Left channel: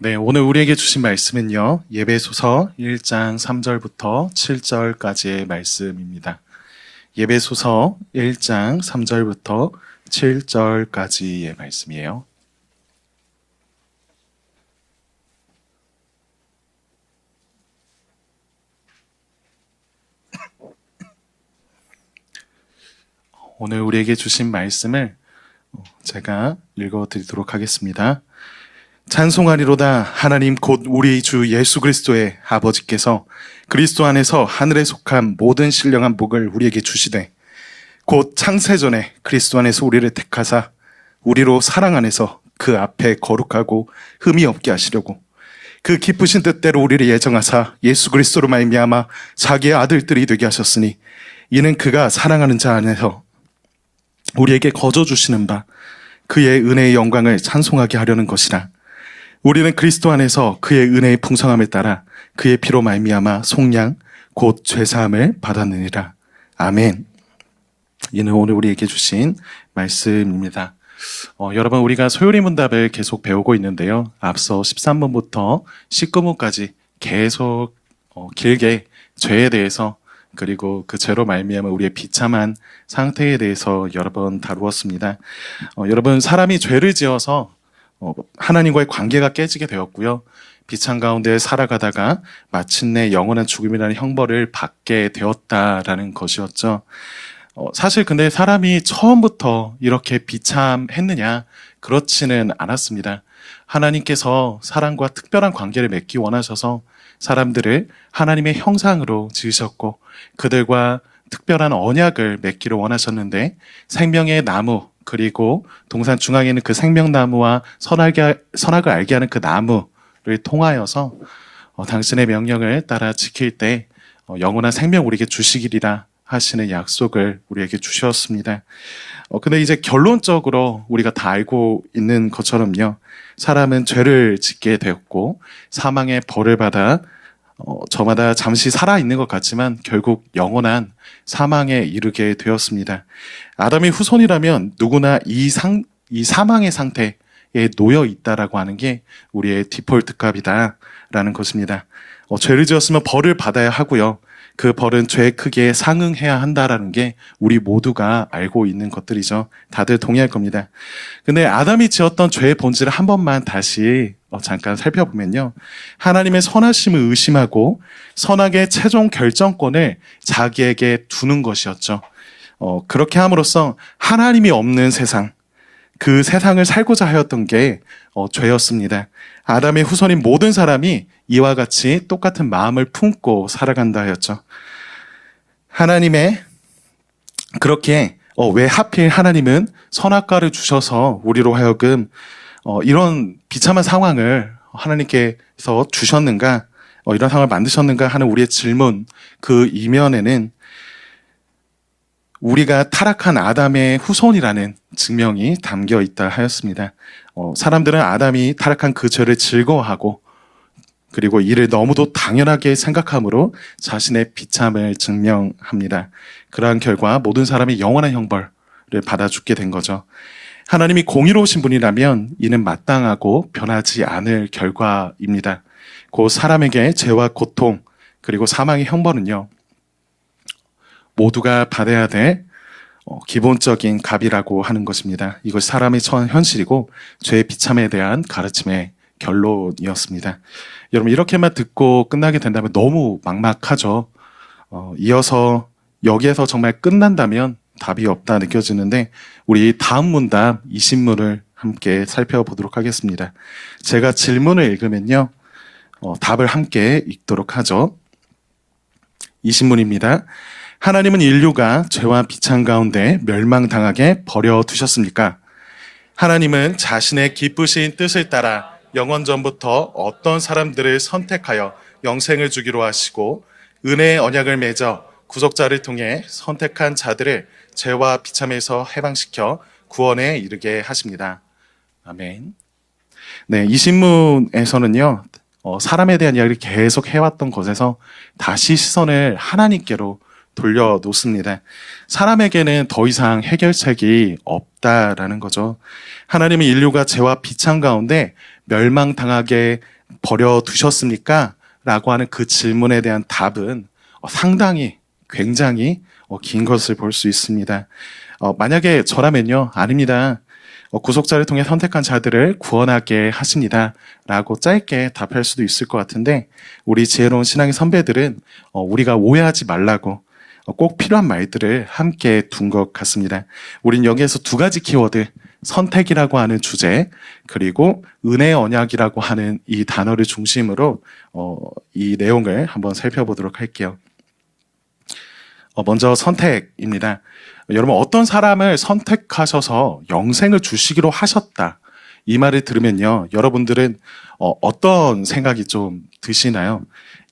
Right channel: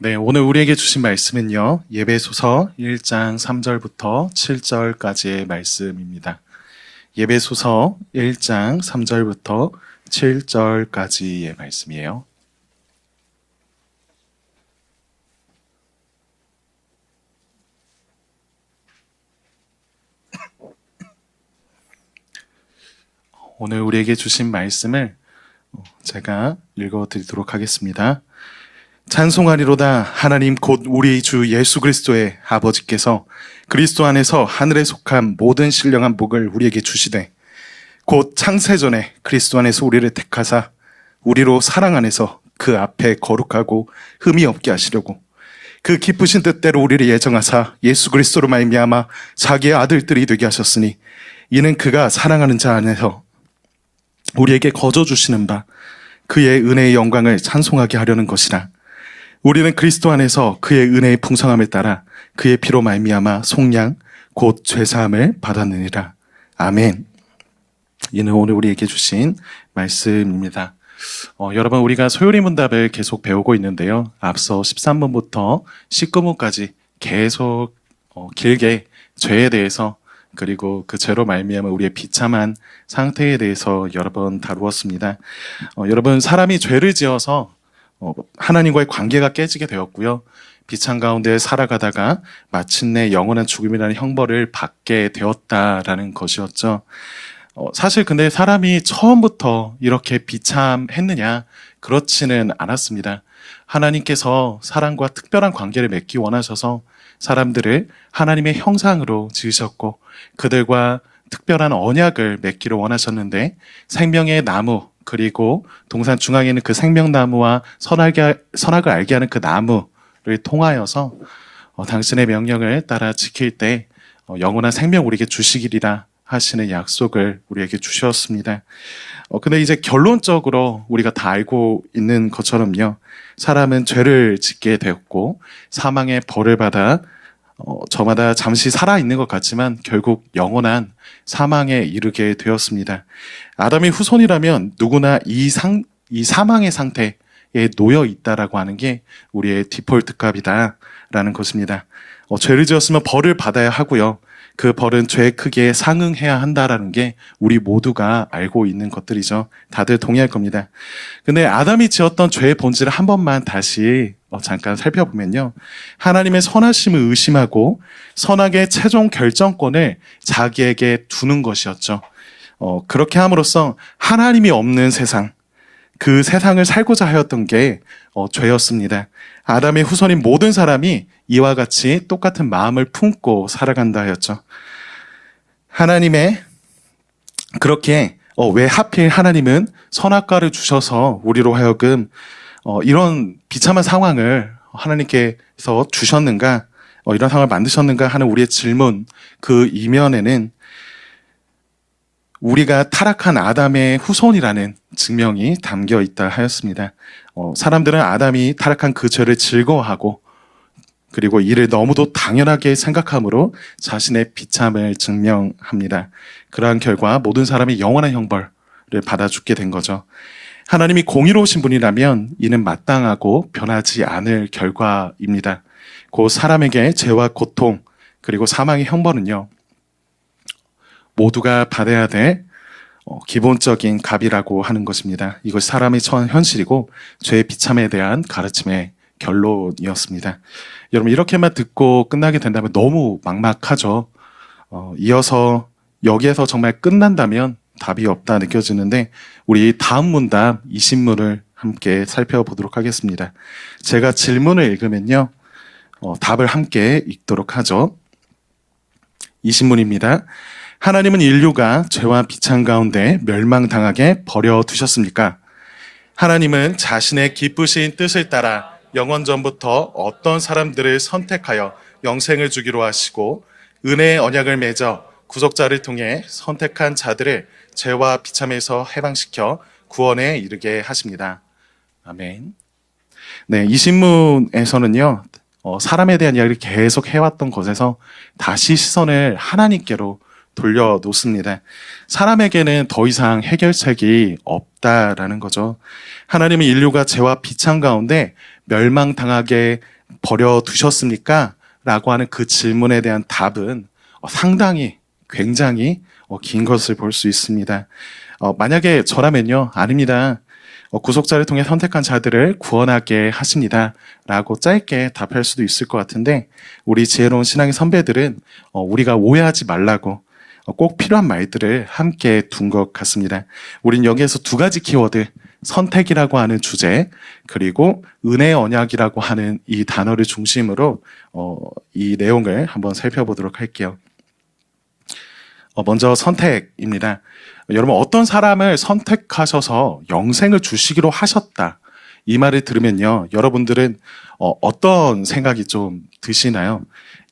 네, 오늘 우리에게 주신 말씀은요, 예배소서 1장 3절부터 7절까지의 말씀입니다. 예배소서 1장 3절부터 7절까지의 말씀이에요. 오늘 우리에게 주신 말씀을 제가 읽어드리도록 하겠습니다. 찬송하리로다. 하나님 곧 우리 주 예수 그리스도의 아버지께서 그리스도 안에서 하늘에 속한 모든 신령한 복을 우리에게 주시되 곧 창세전에 그리스도 안에서 우리를 택하사 우리로 사랑 안에서 그 앞에 거룩하고 흠이 없게 하시려고 그 기쁘신 뜻대로 우리를 예정하사 예수 그리스도로 말미암아 자기의 아들들이 되게 하셨으니 이는 그가 사랑하는 자 안에서 우리에게 거저 주시는 바 그의 은혜의 영광을 찬송하게 하려는 것이라. 우리는 그리스도 안에서 그의 은혜의 풍성함에 따라 그의 피로 말미암아 속량 곧 죄사함을 받았느니라. 아멘. 이는 오늘 우리에게 주신 말씀입니다. 여러분, 우리가 소요리 문답을 계속 배우고 있는데요. 앞서 13번부터 19번까지 계속 길게 죄에 대해서 그리고 그 죄로 말미암아 우리의 비참한 상태에 대해서 여러 번 다루었습니다. 여러분, 사람이 죄를 지어서 하나님과의 관계가 깨지게 되었고요. 비참 가운데 살아가다가 마침내 영원한 죽음이라는 형벌을 받게 되었다라는 것이었죠. 사실 근데 사람이 처음부터 이렇게 비참했느냐? 그렇지는 않았습니다. 하나님께서 사람과 특별한 관계를 맺기 원하셔서 사람들을 하나님의 형상으로 지으셨고 그들과 특별한 언약을 맺기를 원하셨는데 생명의 나무 그리고 동산 중앙에 있는 그 생명나무와 선악을 알게 하는 그 나무를 통하여서 당신의 명령을 따라 지킬 때 영원한 생명 우리에게 주시기리라 하시는 약속을 우리에게 주셨습니다. 근데 이제 결론적으로 우리가 다 알고 있는 것처럼요. 사람은 죄를 짓게 되었고 사망의 벌을 받아 저마다 잠시 살아있는 것 같지만 결국 영원한 사망에 이르게 되었습니다. 아담의 후손이라면 누구나 이 사망의 상태에 놓여 있다라고 하는 게 우리의 디폴트 값이다라는 것입니다. 죄를 지었으면 벌을 받아야 하고요. 그 벌은 죄의 크기에 상응해야 한다라는 게 우리 모두가 알고 있는 것들이죠. 다들 동의할 겁니다. 근데 아담이 지었던 죄의 본질을 한 번만 다시 잠깐 살펴보면요. 하나님의 선하심을 의심하고 선악의 최종 결정권을 자기에게 두는 것이었죠. 그렇게 함으로써 하나님이 없는 세상, 그 세상을 살고자 하였던 게 죄였습니다. 아담의 후손인 모든 사람이 이와 같이 똑같은 마음을 품고 살아간다 하였죠. 하나님의 그렇게 왜 하필 하나님은 선악과를 주셔서 우리로 하여금 이런 비참한 상황을 하나님께서 주셨는가, 이런 상황을 만드셨는가 하는 우리의 질문, 그 이면에는 우리가 타락한 아담의 후손이라는 증명이 담겨 있다 하였습니다. 사람들은 아담이 타락한 그 죄를 즐거워하고 그리고 이를 너무도 당연하게 생각함으로 자신의 비참을 증명합니다. 그러한 결과 모든 사람이 영원한 형벌을 받아 죽게 된 거죠. 하나님이 공의로우신 분이라면 이는 마땅하고 변하지 않을 결과입니다. 곧 사람에게 죄와 고통 그리고 사망의 형벌은요. 모두가 받아야 될 기본적인 값이라고 하는 것입니다. 이것이 사람의 처한 현실이고 죄의 비참에 대한 가르침의 결론이었습니다. 여러분, 이렇게만 듣고 끝나게 된다면 너무 막막하죠. 이어서 여기에서 정말 끝난다면 답이 없다 느껴지는데 우리 다음 문답 20문을 함께 살펴보도록 하겠습니다. 제가 질문을 읽으면요. 답을 함께 읽도록 하죠. 20문입니다. 하나님은 인류가 죄와 비참 가운데 멸망당하게 버려두셨습니까? 하나님은 자신의 기쁘신 뜻을 따라 영원전부터 어떤 사람들을 선택하여 영생을 주기로 하시고 은혜의 언약을 맺어 구속자를 통해 선택한 자들을 죄와 비참에서 해방시켜 구원에 이르게 하십니다. 아멘. 네, 이 신문에서는요. 사람에 대한 이야기를 계속 해왔던 것에서 다시 시선을 하나님께로 돌려놓습니다. 사람에게는 더 이상 해결책이 없다라는 거죠. 하나님은 인류가 죄와 비참 가운데 멸망당하게 버려두셨습니까? 라고 하는 그 질문에 대한 답은 상당히 굉장히 긴 것을 볼 수 있습니다. 만약에 저라면요, 아닙니다. 구속자를 통해 선택한 자들을 구원하게 하십니다. 라고 짧게 답할 수도 있을 것 같은데, 우리 지혜로운 신앙의 선배들은 우리가 오해하지 말라고 꼭 필요한 말들을 함께 둔 것 같습니다. 우린 여기에서 두 가지 키워드, 선택이라고 하는 주제, 그리고 은혜의 언약이라고 하는 이 단어를 중심으로 이 내용을 한번 살펴보도록 할게요. 먼저 선택입니다. 여러분, 어떤 사람을 선택하셔서 영생을 주시기로 하셨다, 이 말을 들으면요, 여러분들은 어떤 생각이 좀 드시나요?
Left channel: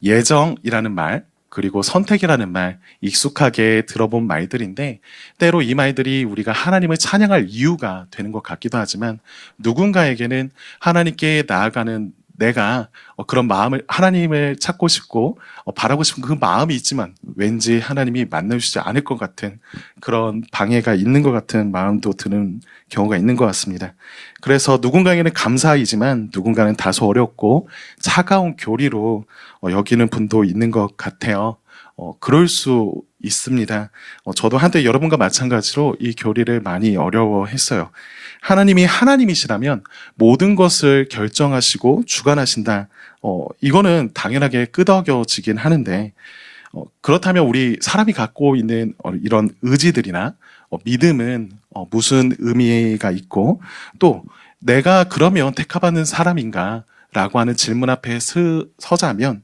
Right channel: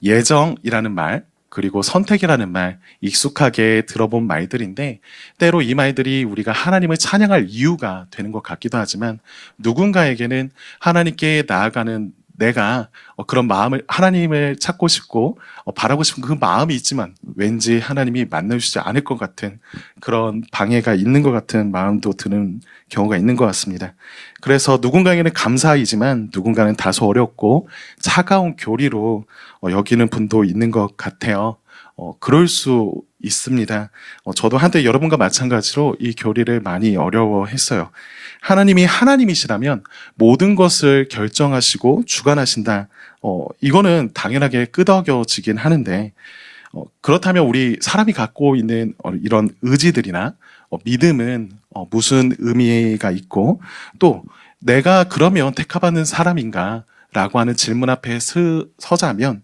예정이라는 말, 그리고 선택이라는 말, 익숙하게 들어본 말들인데 때로 이 말들이 우리가 하나님을 찬양할 이유가 되는 것 같기도 하지만, 누군가에게는 하나님께 나아가는 내가 그런 마음을, 하나님을 찾고 싶고 바라고 싶은 그 마음이 있지만 왠지 하나님이 만나주시지 않을 것 같은 그런 방해가 있는 것 같은 마음도 드는 경우가 있는 것 같습니다. 그래서 누군가에게는 감사이지만 누군가는 다소 어렵고 차가운 교리로 여기는 분도 있는 것 같아요. 그럴 수 있습니다. 저도 한때 여러분과 마찬가지로 이 교리를 많이 어려워했어요. 하나님이 하나님이시라면 모든 것을 결정하시고 주관하신다. 이거는 당연하게 끄덕여지긴 하는데, 그렇다면 우리 사람이 갖고 있는 이런 의지들이나 믿음은 무슨 의미가 있고, 또 내가 그러면 택함받는 사람인가? 라고 하는 질문 앞에 서자면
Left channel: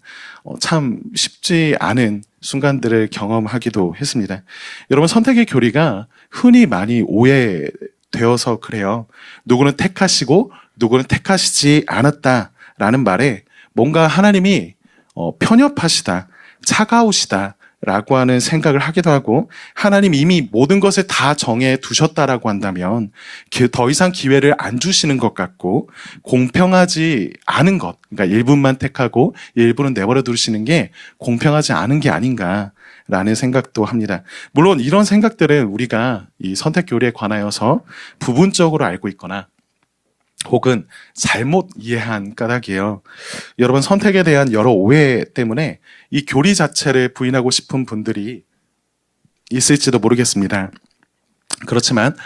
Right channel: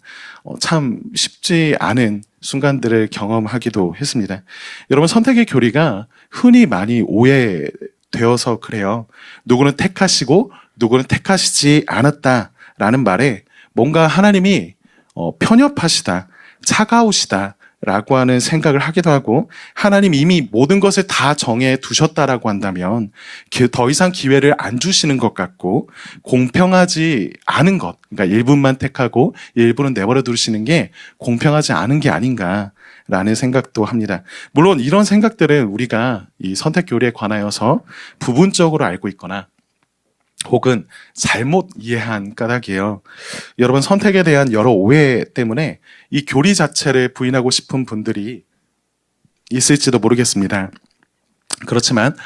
참 쉽지 않은 순간들을 경험하기도 했습니다. 여러분, 선택의 교리가 흔히 많이 오해되어서 그래요. 누구는 택하시고 누구는 택하시지 않았다라는 말에 뭔가 하나님이 편협하시다, 차가우시다 라고 하는 생각을 하기도 하고, 하나님 이미 모든 것을 다 정해 두셨다라고 한다면 더 이상 기회를 안 주시는 것 같고, 공평하지 않은 것, 그러니까 일부만 택하고 일부는 내버려 두시는 게 공평하지 않은 게 아닌가라는 생각도 합니다. 물론 이런 생각들은 우리가 이 선택 교리에 관하여서 부분적으로 알고 있거나 혹은 잘못 이해한 까닭이에요. 여러분, 선택에 대한 여러 오해 때문에 이 교리 자체를 부인하고 싶은 분들이 있을지도 모르겠습니다. 그렇지만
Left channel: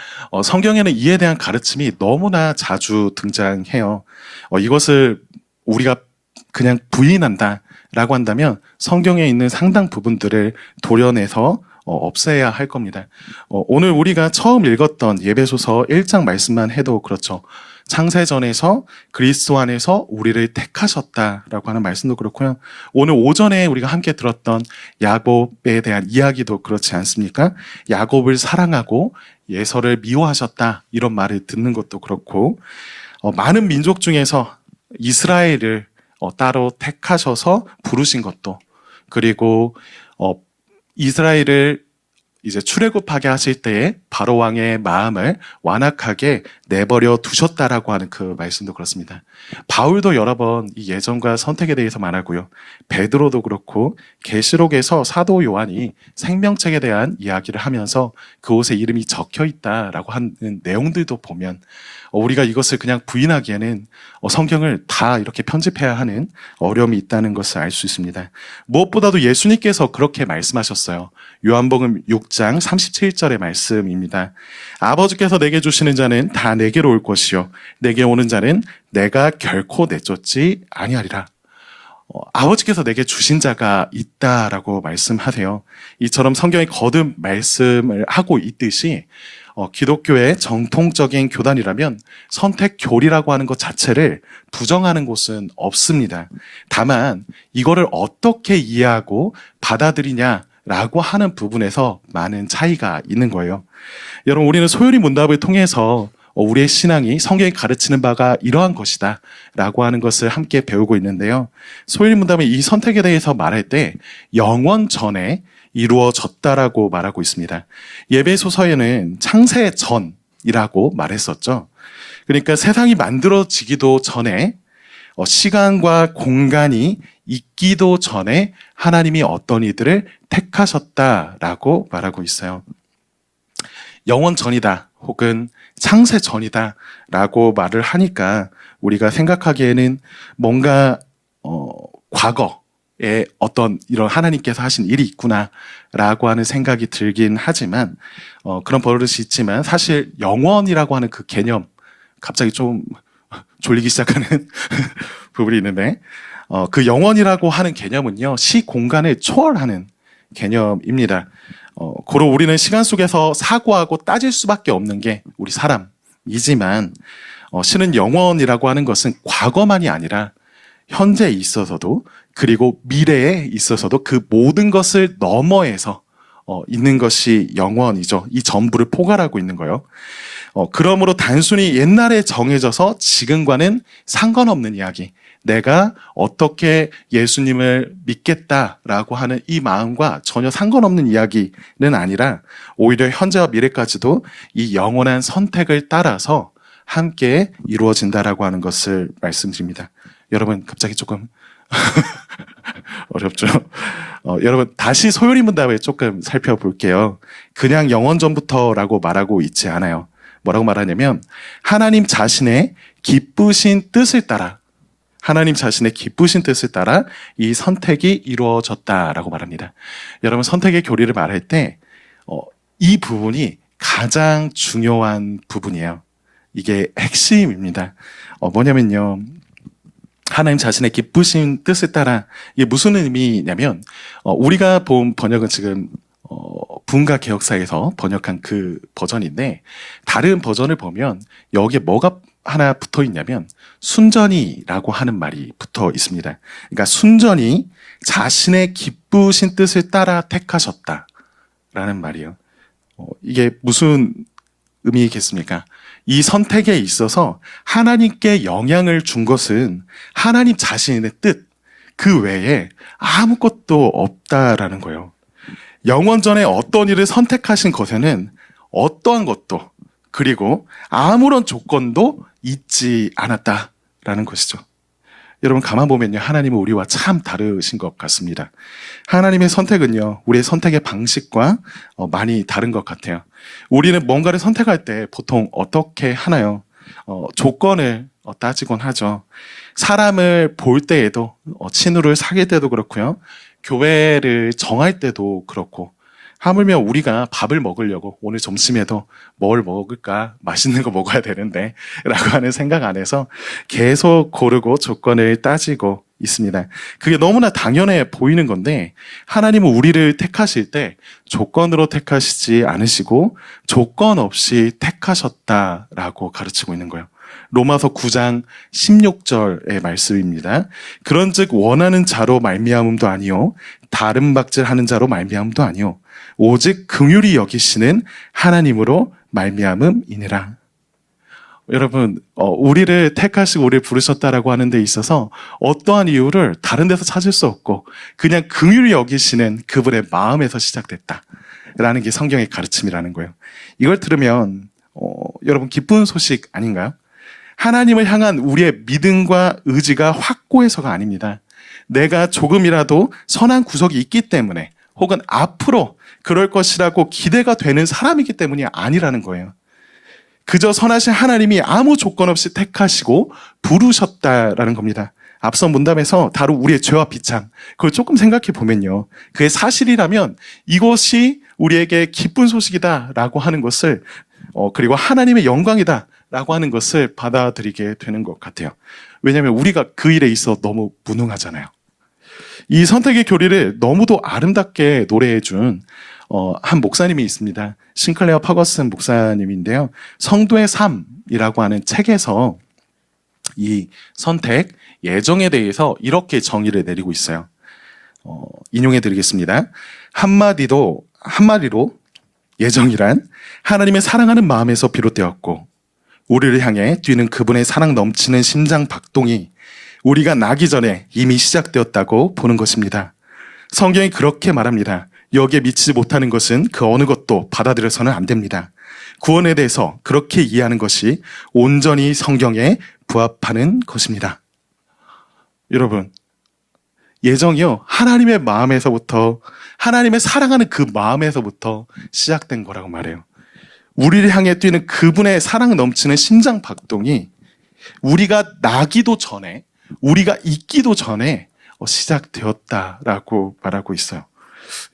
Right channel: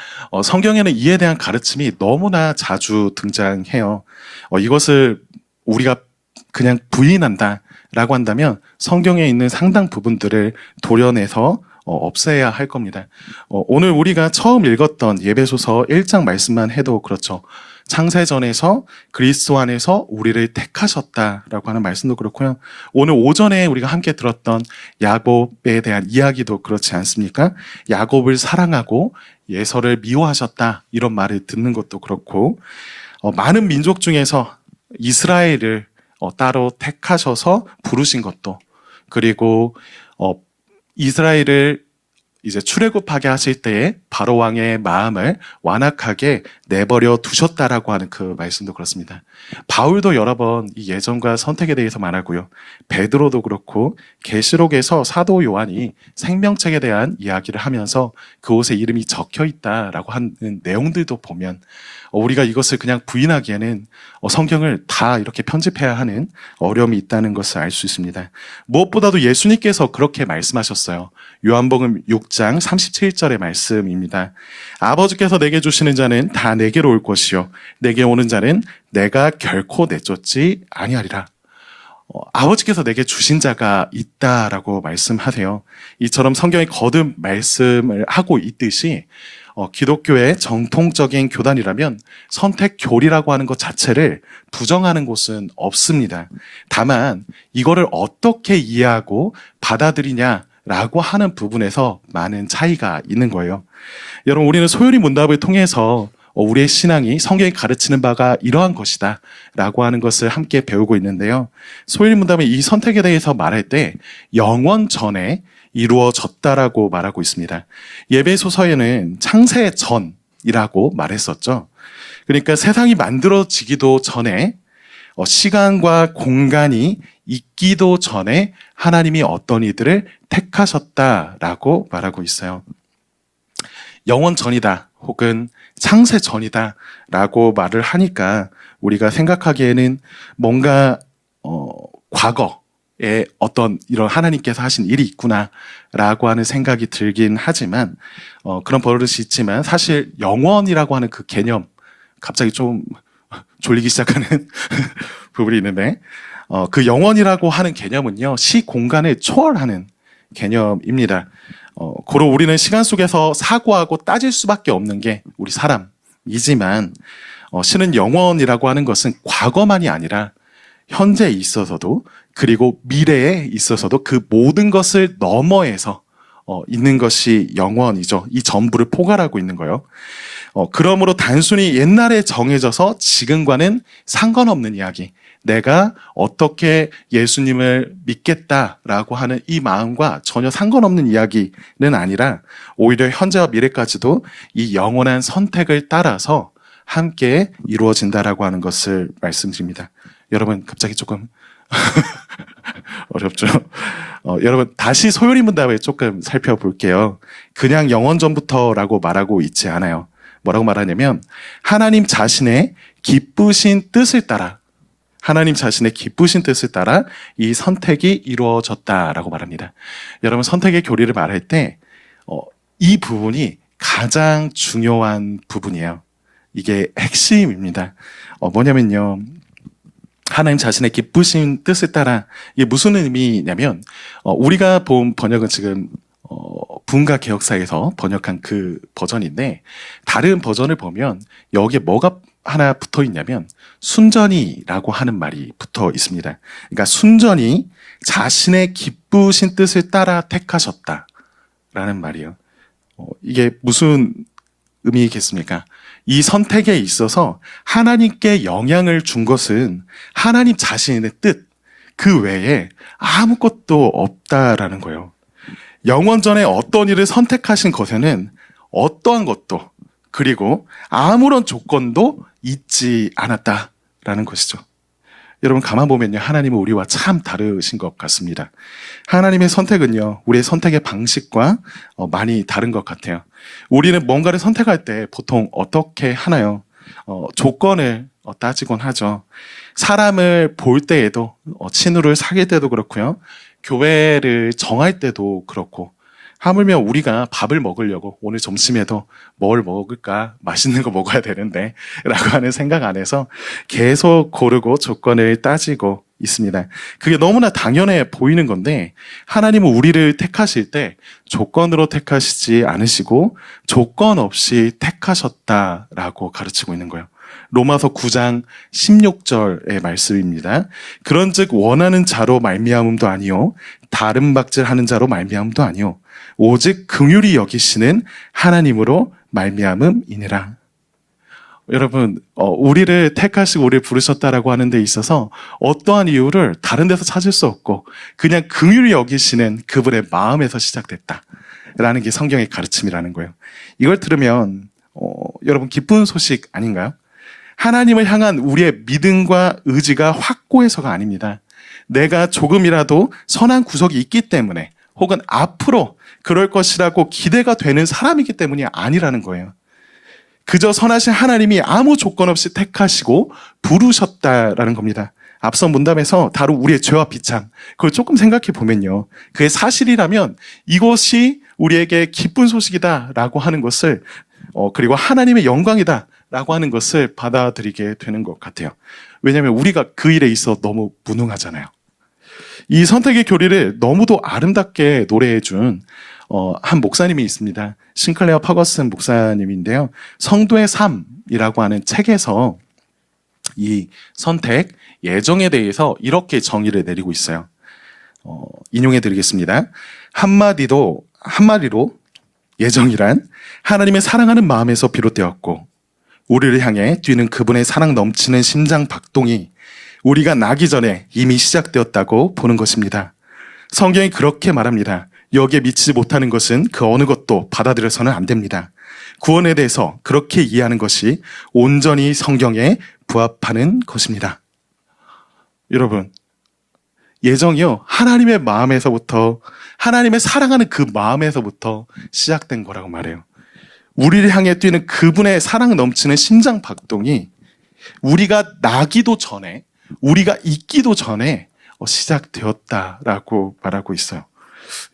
성경에는 이에 대한 가르침이 너무나 자주 등장해요. 이것을 우리가 그냥 부인한다라고 한다면 성경에 있는 상당 부분들을 도려내서 없애야 할 겁니다. 오늘 우리가 처음 읽었던 에베소서 1장 말씀만 해도 그렇죠. 창세전에서 그리스도 안에서 우리를 택하셨다라고 하는 말씀도 그렇고요. 오늘 오전에 우리가 함께 들었던 야곱에 대한 이야기도 그렇지 않습니까? 야곱을 사랑하고 예서를 미워하셨다, 이런 말을 듣는 것도 그렇고, 많은 민족 중에서 이스라엘을 따로 택하셔서 부르신 것도, 그리고 이스라엘을 이제 출애굽하게 하실 때에 바로 왕의 마음을 완악하게 내버려 두셨다라고 하는 그 말씀도 그렇습니다. 바울도 여러 번 이 예정과 선택에 대해서 말하고요. 베드로도 그렇고 계시록에서 사도 요한이 생명책에 대한 이야기를 하면서 그곳에 이름이 적혀 있다라고 하는 내용들도 보면 우리가 이것을 그냥 부인하기에는 성경을 다 이렇게 편집해야 하는 어려움이 있다는 것을 알 수 있습니다. 무엇보다도 예수님께서 그렇게 말씀하셨어요. 요한복음 6장 37절의 말씀입니다. 아버지께서 내게 주시는 자는 다 내게로 올 것이요 내게 오는 자는 내가 결코 내쫓지 아니하리라. 아버지께서 내게 주신 자가 있다라고 말씀하세요. 이처럼 성경이 거듭 말씀을 하고 있듯이 기독교의 정통적인 교단이라면 선택 교리라고 하는 것 자체를 부정하는 곳은 없습니다. 다만 이거를 어떻게 이해하고 받아들이냐라고 하는 부분에서 많은 차이가 있는 거예요. 여러분, 우리는 소요리 문답을 통해서 우리의 신앙이 성경이 가르치는 바가 이러한 것이다 라고 하는 것을 함께 배우고 있는데요. 소요리 문답은 이 선택에 대해서 말할 때 영원 전에 이루어졌다라고 말하고 있습니다. 에베소서에는 창세 전이라고 말했었죠. 그러니까 세상이 만들어지기도 전에 시간과 공간이 있기도 전에 하나님이 어떤 이들을 택하셨다라고 말하고 있어요. 영원 전이다 혹은 창세 전이다 라고 말을 하니까 우리가 생각하기에는 뭔가 과거에 어떤 이런 하나님께서 하신 일이 있구나 라고 하는 생각이 들긴 하지만 그런 버릇이 있지만 사실 영원이라고 하는 그 개념, 갑자기 좀 졸리기 시작하는 부분이 있는데 그 영원이라고 하는 개념은요, 시공간을 초월하는 개념입니다. 고로 우리는 시간 속에서 사고하고 따질 수밖에 없는 게 우리 사람이지만 실은 영원이라고 하는 것은 과거만이 아니라 현재에 있어서도 그리고 미래에 있어서도 그 모든 것을 너머에서 있는 것이 영원이죠. 이 전부를 포괄하고 있는 거예요. 그러므로 단순히 옛날에 정해져서 지금과는 상관없는 이야기, 내가 어떻게 예수님을 믿겠다라고 하는 이 마음과 전혀 상관없는 이야기는 아니라 오히려 현재와 미래까지도 이 영원한 선택을 따라서 함께 이루어진다라고 하는 것을 말씀드립니다. 여러분, 갑자기 조금 어렵죠? 여러분, 다시 소요리 문답을 조금 살펴볼게요. 그냥 영원 전부터라고 말하고 있지 않아요. 뭐라고 말하냐면 하나님 자신의 기쁘신 뜻을 따라, 하나님 자신의 기쁘신 뜻을 따라 이 선택이 이루어졌다라고 말합니다. 여러분, 선택의 교리를 말할 때 이 부분이 가장 중요한 부분이에요. 이게 핵심입니다. 뭐냐면요, 하나님 자신의 기쁘신 뜻을 따라, 이게 무슨 의미냐면 우리가 본 번역은 지금 분가 개혁사에서 번역한 그 버전인데, 다른 버전을 보면 여기에 뭐가 하나 붙어 있냐면 순전히라고 하는 말이 붙어 있습니다. 그러니까 순전히 자신의 기쁘신 뜻을 따라 택하셨다라는 말이에요. 이게 무슨 의미겠습니까? 이 선택에 있어서 하나님께 영향을 준 것은 하나님 자신의 뜻, 그 외에 아무것도 없다라는 거예요. 영원 전에 어떤 일을 선택하신 것에는 어떠한 것도, 그리고 아무런 조건도 있지 않았다라는 것이죠. 여러분, 가만 보면요, 하나님은 우리와 참 다르신 것 같습니다. 하나님의 선택은요, 우리의 선택의 방식과 많이 다른 것 같아요. 우리는 뭔가를 선택할 때 보통 어떻게 하나요? 조건을 따지곤 하죠. 사람을 볼 때에도, 친구를 사귈 때도 그렇고요, 교회를 정할 때도 그렇고, 하물며 우리가 밥을 먹으려고 오늘 점심에도 뭘 먹을까, 맛있는 거 먹어야 되는데 라고 하는 생각 안에서 계속 고르고 조건을 따지고 있습니다. 그게 너무나 당연해 보이는 건데, 하나님은 우리를 택하실 때 조건으로 택하시지 않으시고 조건 없이 택하셨다라고 가르치고 있는 거예요. 로마서 9장 16절의 말씀입니다. 그런즉 원하는 자로 말미암음도 아니요 다른 박질하는 자로 말미암음도 아니요 오직 긍휼히 여기시는 하나님으로 말미암음이니라. 여러분, 우리를 택하시고 우리를 부르셨다라고 하는 데 있어서 어떠한 이유를 다른 데서 찾을 수 없고 그냥 긍휼히 여기시는 그분의 마음에서 시작됐다라는 게 성경의 가르침이라는 거예요. 이걸 들으면 여러분, 기쁜 소식 아닌가요? 하나님을 향한 우리의 믿음과 의지가 확고해서가 아닙니다. 내가 조금이라도 선한 구석이 있기 때문에, 혹은 앞으로 그럴 것이라고 기대가 되는 사람이기 때문이 아니라는 거예요. 그저 선하신 하나님이 아무 조건 없이 택하시고 부르셨다라는 겁니다. 앞선 문답에서 다룬 우리의 죄와 비참, 그걸 조금 생각해 보면요, 그게 사실이라면 이것이 우리에게 기쁜 소식이다라고 하는 것을, 그리고 하나님의 영광이다라고 하는 것을 받아들이게 되는 것 같아요. 왜냐하면 우리가 그 일에 있어 너무 무능하잖아요. 이 선택의 교리를 너무도 아름답게 노래해 준 한 목사님이 있습니다. 싱클레어 퍼거슨 목사님인데요, 성도의 삶이라고 하는 책에서 이 선택, 예정에 대해서 이렇게 정의를 내리고 있어요. 인용해 드리겠습니다. 한마디로 예정이란 하나님의 사랑하는 마음에서 비롯되었고, 우리를 향해 뛰는 그분의 사랑 넘치는 심장 박동이 우리가 나기 전에 이미 시작되었다고 보는 것입니다. 성경이 그렇게 말합니다. 여기에 미치지 못하는 것은 그 어느 것도 받아들여서는 안 됩니다. 구원에 대해서 그렇게 이해하는 것이 온전히 성경에 부합하는 것입니다. 여러분, 예정이요. 하나님의 마음에서부터, 하나님의 사랑하는 그 마음에서부터 시작된 거라고 말해요. 우리를 향해 뛰는 그분의 사랑 넘치는 심장 박동이 우리가 나기도 전에, 우리가 있기도 전에 시작되었다라고 말하고 있어요.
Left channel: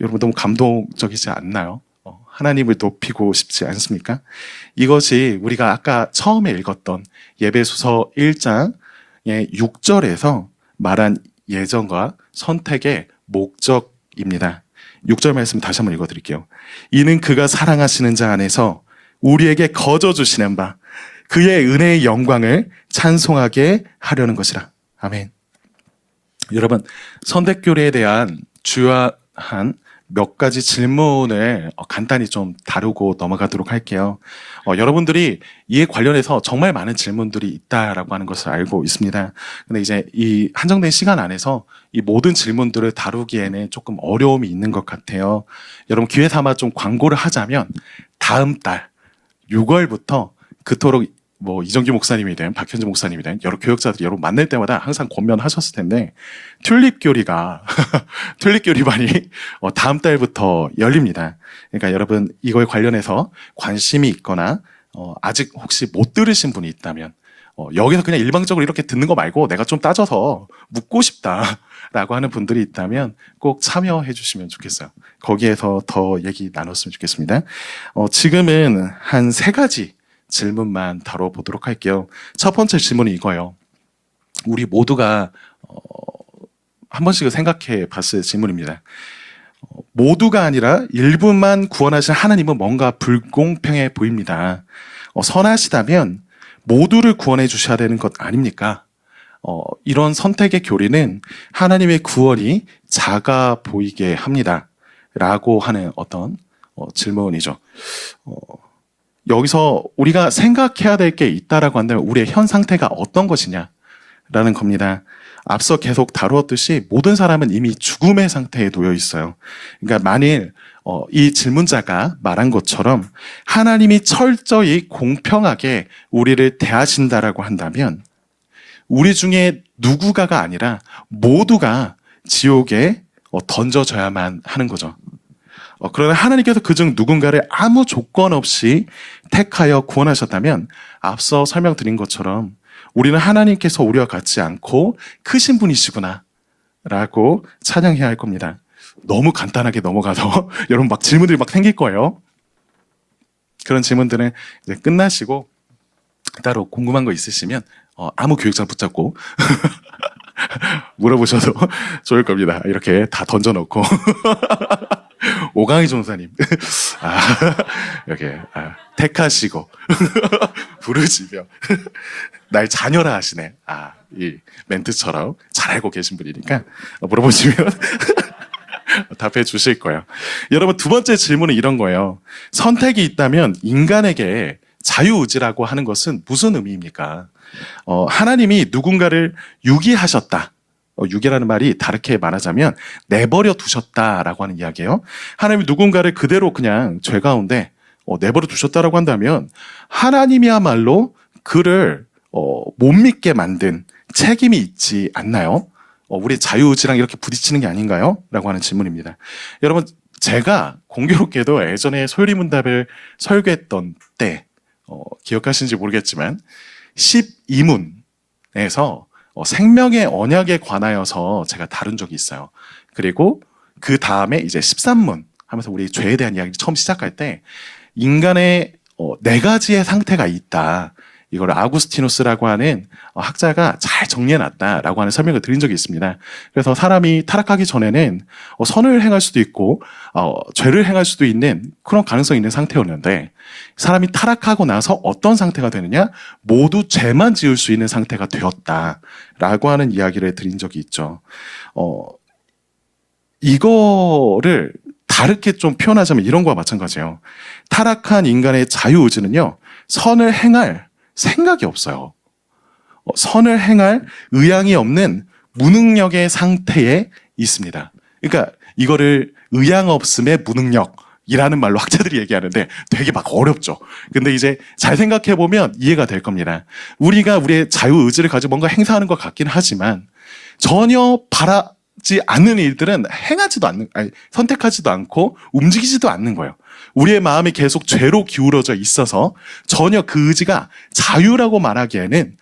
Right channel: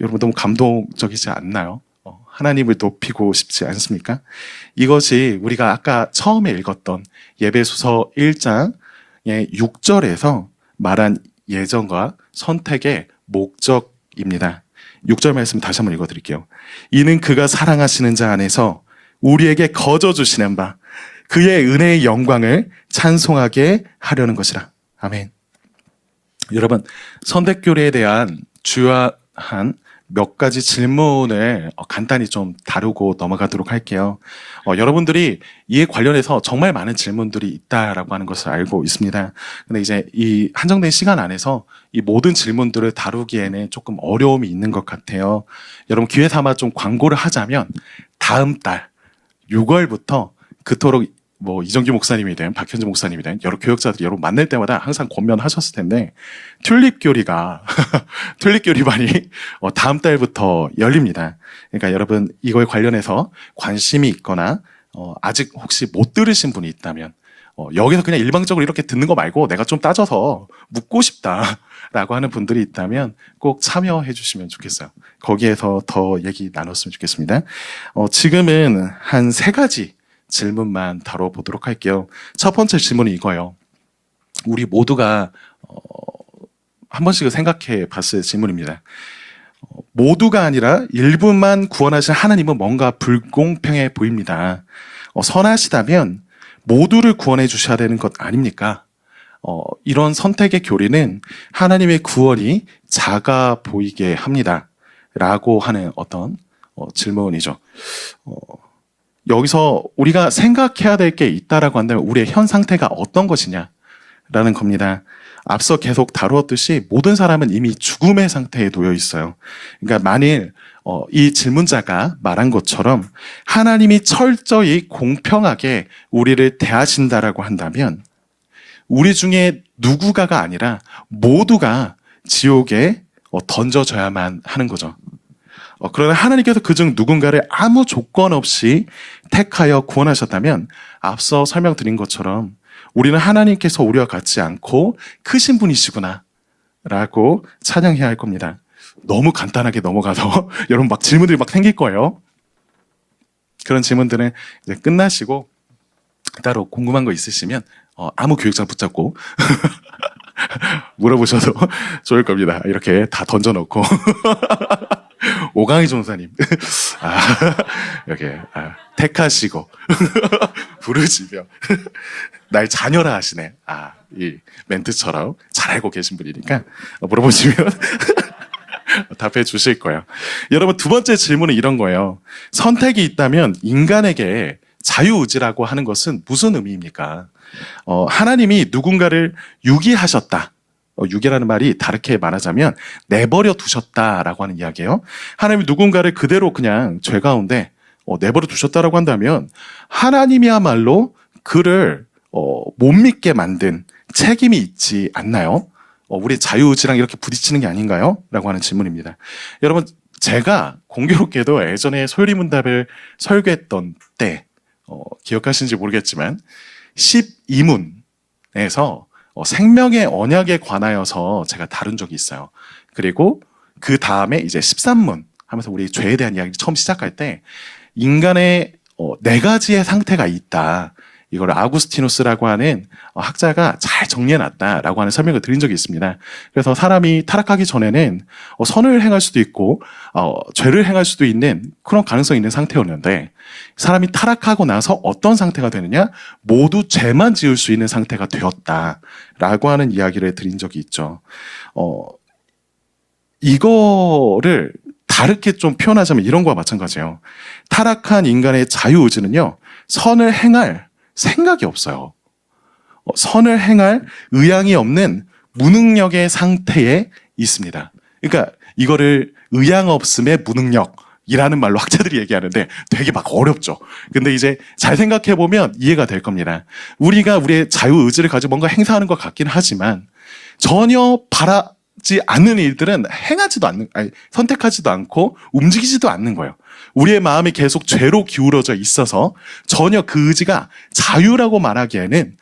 여러분 너무 감동적이지 않나요? 하나님을 높이고 싶지 않습니까? 이것이 우리가 아까 처음에 읽었던 예배소서 1장의 6절에서 말한 예정과 선택의 목적입니다. 6절 말씀 다시 한번 읽어드릴게요. 이는 그가 사랑하시는 자 안에서 우리에게 거저 주시는 바 그의 은혜의 영광을 찬송하게 하려는 것이라. 아멘. 여러분, 선택교리에 대한 주요한 몇 가지 질문을 간단히 좀 다루고 넘어가도록 할게요. 여러분들이 이에 관련해서 정말 많은 질문들이 있다라고 하는 것을 알고 있습니다. 근데 이제 이 한정된 시간 안에서 이 모든 질문들을 다루기에는 조금 어려움이 있는 것 같아요. 여러분 기회 삼아 좀 광고를 하자면 다음 달 6월부터 그토록 뭐 이정규 목사님이든 박현주 목사님이든 여러 교역자들이 여러분 만날 때마다 항상 권면하셨을 텐데 튤립 교리가 튤립 교리반이 다음 달부터 열립니다. 그러니까 여러분 이거에 관련해서 관심이 있거나 아직 혹시 못 들으신 분이 있다면 여기서 그냥 일방적으로 이렇게 듣는 거 말고 내가 좀 따져서 묻고 싶다라고 하는 분들이 있다면 꼭 참여해 주시면 좋겠어요. 거기에서 더 얘기 나눴으면 좋겠습니다. 지금은 한 3가지 질문만 다뤄보도록 할게요. 첫 번째 질문이 이거예요. 우리 모두가 한 번씩 생각해 봤을 질문입니다. 모두가 아니라 일부만 구원하신 하나님은 뭔가 불공평해 보입니다. 선하시다면 모두를 구원해 주셔야 되는 것 아닙니까? 이런 선택의 교리는 하나님의 구원이 작아 보이게 합니다. 라고 하는 어떤 질문이죠. 여기서 우리가 생각해야 될 게 있다라고 한다면 우리의 현 상태가 어떤 것이냐라는 겁니다. 앞서 계속 다루었듯이 모든 사람은 이미 죽음의 상태에 놓여 있어요. 그러니까 만일 이 질문자가 말한 것처럼 하나님이 철저히 공평하게 우리를 대하신다라고 한다면 우리 중에 누구가가 아니라 모두가 지옥에 던져져야만 하는 거죠. 그러나 하나님께서 그중 누군가를 아무 조건 없이 택하여 구원하셨다면 앞서 설명드린 것처럼 우리는 하나님께서 우리와 같지 않고 크신 분이시구나 라고 찬양해야 할 겁니다. 너무 간단하게 넘어가서 여러분 막 질문들이 막 생길 거예요. 그런 질문들은 이제 끝나시고 따로 궁금한 거 있으시면 아무 교육자 붙잡고 물어보셔도 좋을 겁니다. 이렇게 다 던져놓고 오강희 전사님 이렇게 택하시고 부르시며 날 자녀라 하시네. 이 멘트처럼 잘 알고 계신 분이니까 물어보시면 답해 주실 거예요. 여러분 두 번째 질문은 이런 거예요. 선택이 있다면 인간에게 자유의지라고 하는 것은 무슨 의미입니까? 하나님이 누군가를 유기하셨다. 유기라는 말이 다르게 말하자면 내버려 두셨다라고 하는 이야기예요. 하나님이 누군가를 그대로 그냥 죄 가운데 내버려 두셨다라고 한다면 하나님이야말로 그를 못 믿게 만든 책임이 있지 않나요? 우리 자유의지랑 이렇게 부딪히는 게 아닌가요? 라고 하는 질문입니다. 여러분 제가 공교롭게도 예전에 소요리문답을 설교했던 때 기억하시는지 모르겠지만 12문에서 생명의 언약에 관하여서 제가 다룬 적이 있어요. 그리고 그 다음에 이제 13문 하면서 우리 죄에 대한 이야기 처음 시작할 때 인간의 4가지의 상태가 있다. 이걸 아구스티누스라고 하는 학자가 잘 정리해놨다라고 하는 설명을 드린 적이 있습니다. 그래서 사람이 타락하기 전에는 선을 행할 수도 있고 죄를 행할 수도 있는 그런 가능성이 있는 상태였는데 사람이 타락하고 나서 어떤 상태가 되느냐? 모두 죄만 지을 수 있는 상태가 되었다라고 하는 이야기를 드린 적이 있죠. 이거를 다르게 좀 표현하자면 이런 거와 마찬가지예요. 타락한 인간의 자유의지는요. 선을 행할 생각이 없어요. 선을 행할 의향이 없는 무능력의 상태에 있습니다. 그러니까 이거를 의향 없음의 무능력이라는 말로 학자들이 얘기하는데 되게 막 어렵죠. 근데 이제 잘 생각해보면 이해가 될 겁니다. 우리가 우리의 자유의지를 가지고 뭔가 행사하는 것 같긴 하지만 전혀 않는 일들은 선택하지도 않고 움직이지도 않는 거예요. 우리의 마음이 계속 죄로 기울어져 있어서 전혀 그 의지가 자유라고 말하기에는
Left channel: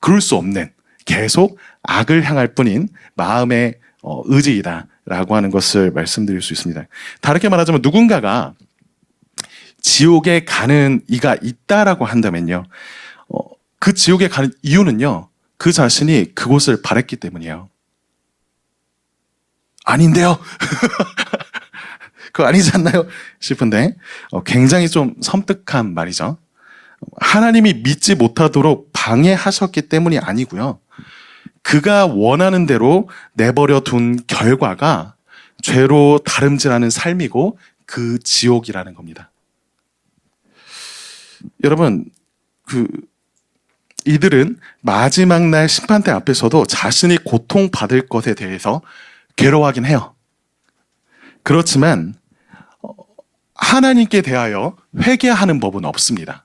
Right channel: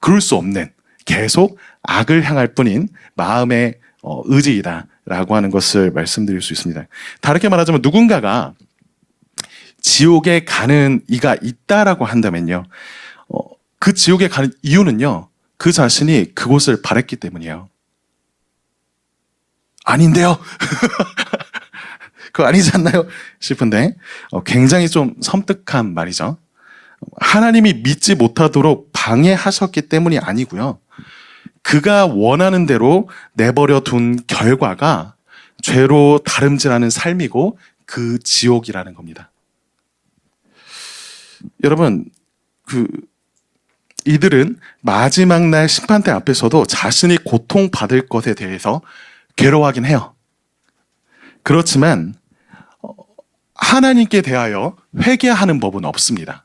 그럴 수 없는 계속 악을 향할 뿐인 마음의 의지이다라고 하는 것을 말씀드릴 수 있습니다. 다르게 말하자면 누군가가 지옥에 가는 이가 있다라고 한다면요, 그 지옥에 가는 이유는요, 그 자신이 그곳을 바랬기 때문이에요. 아닌데요? 그거 아니지 않나요? 싶은데 굉장히 좀 섬뜩한 말이죠. 하나님이 믿지 못하도록 방해하셨기 때문이 아니고요, 그가 원하는 대로 내버려 둔 결과가 죄로 다름질하는 삶이고 그 지옥이라는 겁니다. 여러분, 이들은 마지막 날 심판대 앞에서도 자신이 고통받을 것에 대해서 괴로워하긴 해요. 그렇지만 하나님께 대하여 회개하는 법은 없습니다.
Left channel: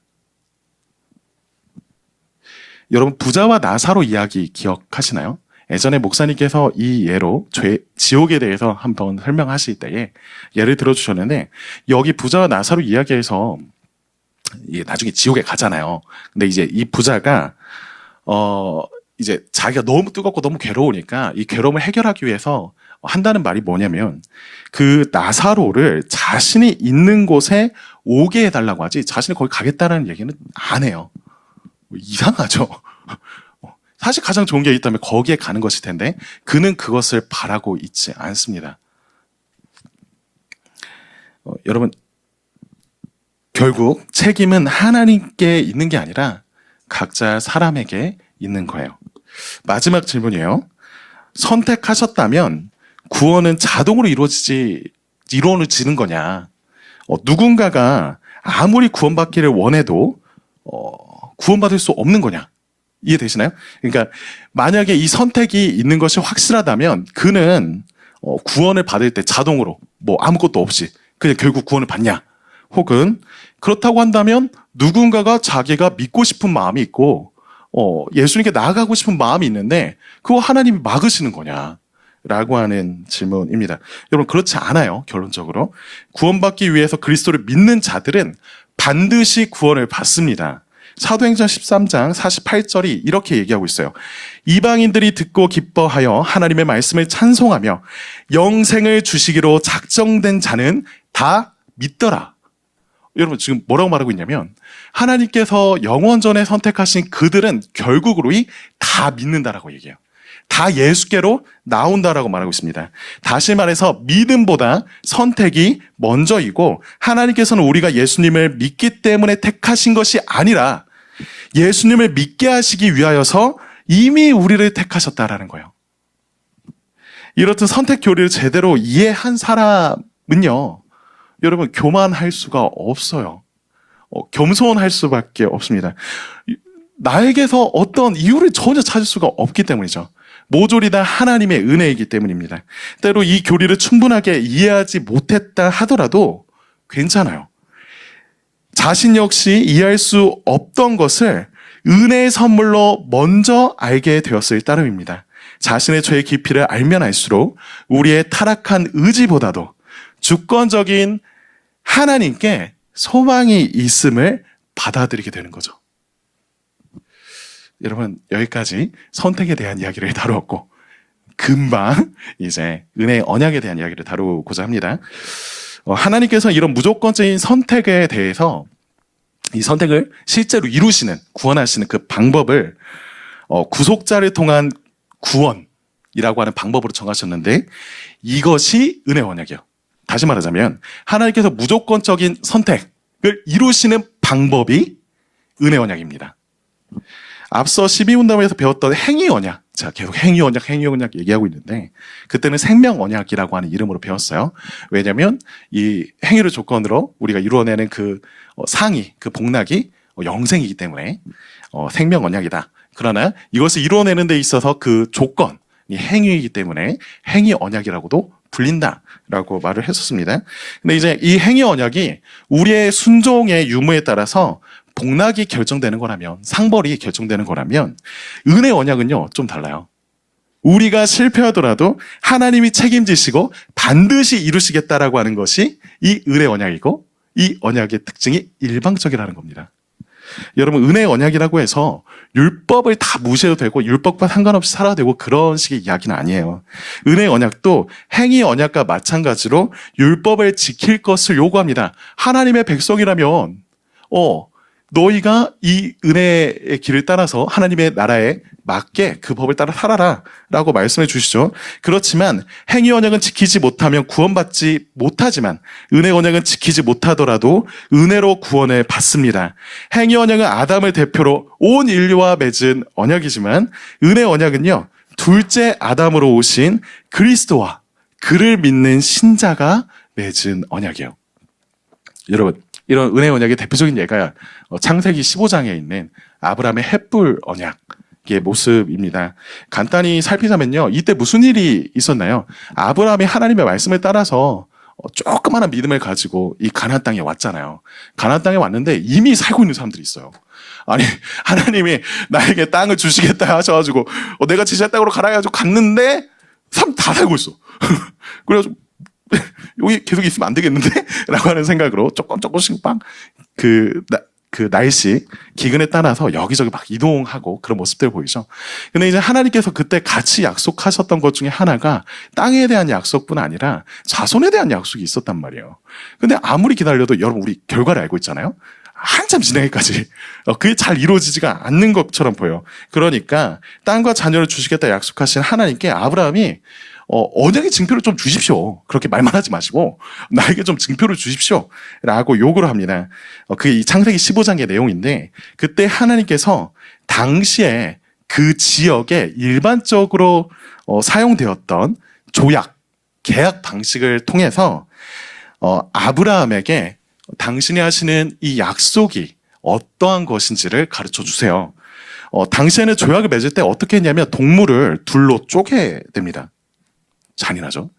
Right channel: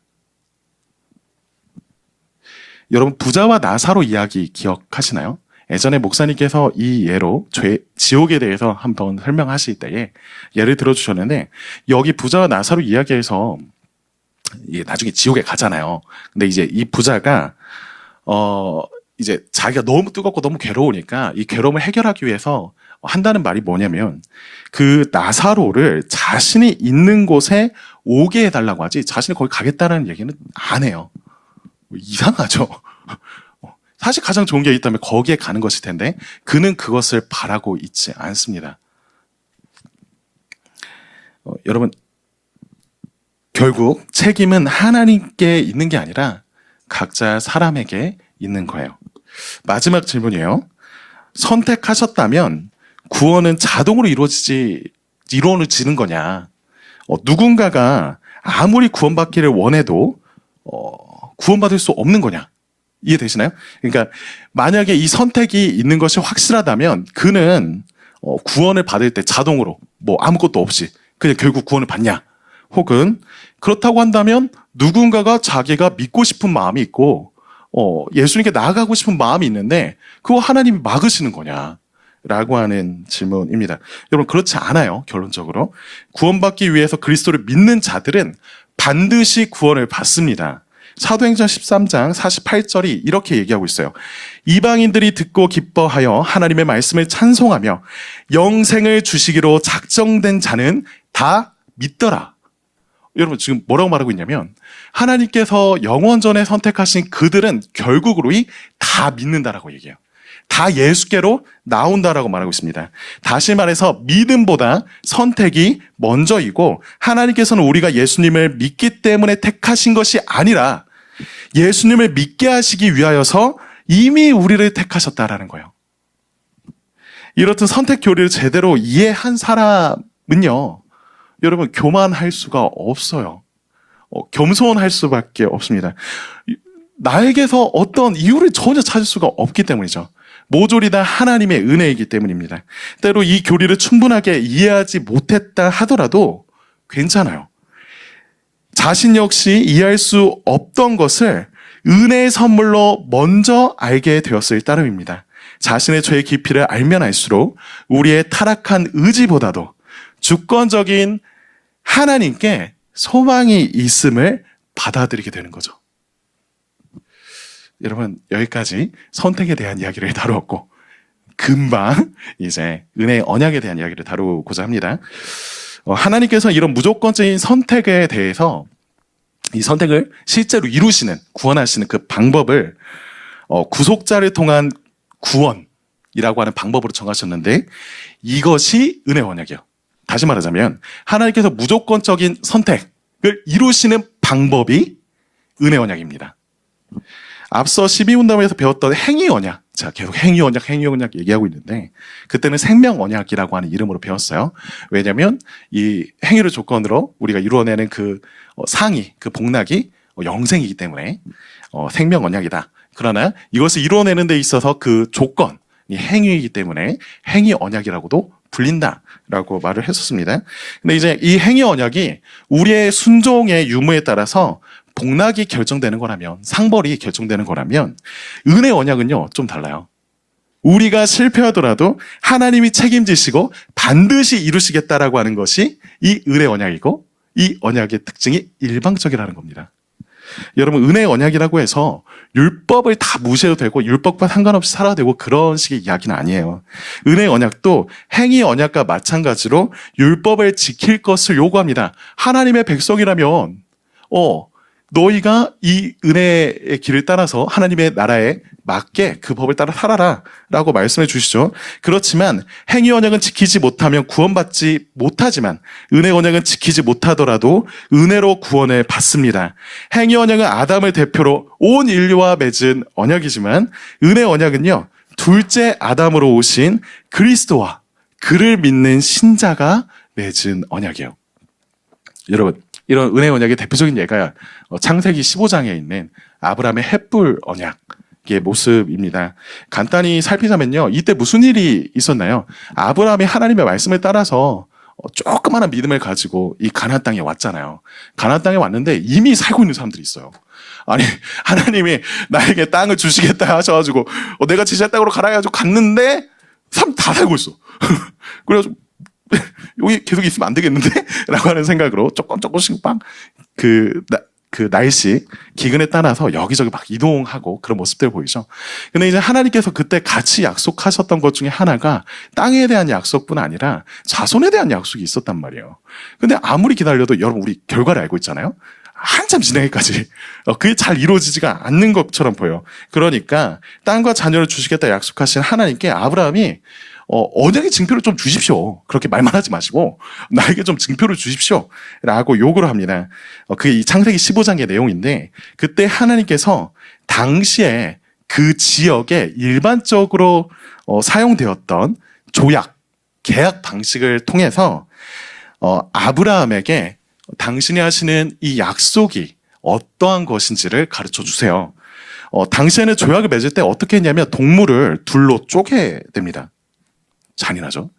여러분, 부자와 나사로 이야기 기억하시나요? 예전에 목사님께서 이 예로 지옥에 대해서 한번 설명하실 때에 예를 들어주셨는데, 여기 부자와 나사로 이야기에서 나중에 지옥에 가잖아요. 근데 이제 이 부자가 이제 자기가 너무 뜨겁고 너무 괴로우니까 이 괴로움을 해결하기 위해서 한다는 말이 뭐냐면, 그 나사로를 자신이 있는 곳에 오게 해달라고 하지 자신이 거기 가겠다는 얘기는 안 해요. 이상하죠? 사실 가장 좋은 게 있다면 거기에 가는 것일 텐데 그는 그것을 바라고 있지 않습니다. 여러분, 결국 책임은 하나님께 있는 게 아니라 각자 사람에게 있는 거예요. 마지막 질문이에요. 선택하셨다면 구원은 자동으로 이루어지는 거냐? 누군가가 아무리 구원받기를 원해도 구원받을 수 없는 거냐? 이해되시나요? 그러니까 만약에 이 선택이 있는 것이 확실하다면 그는 구원을 받을 때 자동으로 아무것도 없이 그냥 결국 구원을 받냐? 혹은 그렇다고 한다면 누군가가 자기가 믿고 싶은 마음이 있고 예수님께 나아가고 싶은 마음이 있는데 그거 하나님이 막으시는 거냐? 라고 하는 질문입니다. 여러분, 그렇지 않아요. 결론적으로 구원받기 위해서 그리스도를 믿는 자들은 반드시 구원을 받습니다. 사도행전 13장 48절이 이렇게 얘기하고 있어요. 이방인들이 듣고 기뻐하여 하나님의 말씀을 찬송하며 영생을 주시기로 작정된 자는 다 믿더라. 여러분, 지금 뭐라고 말하고 있냐면 하나님께서 영원전에 선택하신 그들은 결국으로이 다 믿는다라고 얘기해요. 다 예수께로 나온다라고 말하고 있습니다. 다시 말해서 믿음보다 선택이 먼저이고, 하나님께서는 우리가 예수님을 믿기 때문에 택하신 것이 아니라 예수님을 믿게 하시기 위하여서 이미 우리를 택하셨다라는 거예요. 이렇듯 선택 교리를 제대로 이해한 사람은요, 여러분, 교만할 수가 없어요. 겸손할 수밖에 없습니다. 나에게서 어떤 이유를 전혀 찾을 수가 없기 때문이죠. 모조리 다 하나님의 은혜이기 때문입니다. 때로 이 교리를 충분하게 이해하지 못했다 하더라도 괜찮아요. 자신 역시 이해할 수 없던 것을 은혜의 선물로 먼저 알게 되었을 따름입니다. 자신의 죄의 깊이를 알면 알수록 우리의 타락한 의지보다도 주권적인 하나님께 소망이 있음을 받아들이게 되는 거죠. 여러분, 여기까지 선택에 대한 이야기를 다루었고, 금방 이제 은혜의 언약에 대한 이야기를 다루고자 합니다. 하나님께서 이런 무조건적인 선택에 대해서 이 선택을 실제로 이루시는, 구원하시는 그 방법을 구속자를 통한 구원이라고 하는 방법으로 정하셨는데, 이것이 은혜 언약이에요. 다시 말하자면 하나님께서 무조건적인 선택을 이루시는 방법이 은혜 언약입니다. 앞서 12문답에서 배웠던 행위 언약, 제가 계속 행위 언약 얘기하고 있는데 그때는 생명 언약이라고 하는 이름으로 배웠어요. 왜냐하면 이 행위를 조건으로 우리가 이루어내는 그 상이, 그 복락이 영생이기 때문에 생명 언약이다. 그러나 이것을 이루어내는 데 있어서 그 조건이 행위이기 때문에 행위 언약이라고도 불린다라고 말을 했었습니다. 근데 이제 이 행위 언약이 우리의 순종의 유무에 따라서 복락이 결정되는 거라면, 상벌이 결정되는 거라면, 은혜 언약은요 좀 달라요. 우리가 실패하더라도 하나님이 책임지시고 반드시 이루시겠다라고 하는 것이 이 은혜 언약이고, 이 언약의 특징이 일방적이라는 겁니다. 여러분, 은혜 언약이라고 해서 율법을 다 무시해도 되고 율법과 상관없이 살아도 되고 그런 식의 이야기는 아니에요. 은혜 언약도 행위 언약과 마찬가지로 율법을 지킬 것을 요구합니다. 하나님의 백성이라면 너희가 이 은혜의 길을 따라서 하나님의 나라에 맞게 그 법을 따라 살아라 라고 말씀해 주시죠. 그렇지만 행위 언약은 지키지 못하면 구원받지 못하지만 은혜 언약은 지키지 못하더라도 은혜로 구원을 받습니다. 행위 언약은 아담을 대표로 온 인류와 맺은 언약이지만 은혜 언약은요, 둘째 아담으로 오신 그리스도와 그를 믿는 신자가 맺은 언약이에요. 여러분, 이런 은혜 언약의 대표적인 예가 창세기 15장에 있는 아브라함의 햇불 언약의 모습입니다. 간단히 살피자면요, 이때 무슨 일이 있었나요? 아브라함이 하나님의 말씀을 따라서 조그마한 믿음을 가지고 이 가나안 땅에 왔잖아요. 가나안 땅에 왔는데 이미 살고 있는 사람들이 있어요. 아니, 하나님이 나에게 땅을 주시겠다 하셔가지고 내가 지시할 땅으로 가라 해가지고 갔는데 사람 다 살고 있어. 그래가지고 여기 계속 있으면 안 되겠는데? 라고 하는 생각으로 조금씩 막 그 날씨, 기근에 따라서 여기저기 막 이동하고 그런 모습들 보이죠? 근데 이제 하나님께서 그때 같이 약속하셨던 것 중에 하나가 땅에 대한 약속뿐 아니라 자손에 대한 약속이 있었단 말이에요. 근데 아무리 기다려도 여러분, 우리 결과를 알고 있잖아요? 한참 지나기까지 그게 잘 이루어지지가 않는 것처럼 보여요. 그러니까 땅과 자녀를 주시겠다 약속하신 하나님께 아브라함이 언약의 증표를 좀 주십시오. 그렇게 말만 하지 마시고 나에게 좀 증표를 주십시오 라고 요구를 합니다. 그게 이 창세기 15장의 내용인데, 그때 하나님께서 당시에 그 지역에 일반적으로 사용되었던 조약, 계약 방식을 통해서 아브라함에게 당신이 하시는 이 약속이 어떠한 것인지를 가르쳐 주세요. 당시에는 조약을 맺을 때 어떻게 했냐면 동물을 둘로 쪼개됩니다. 잔인하죠?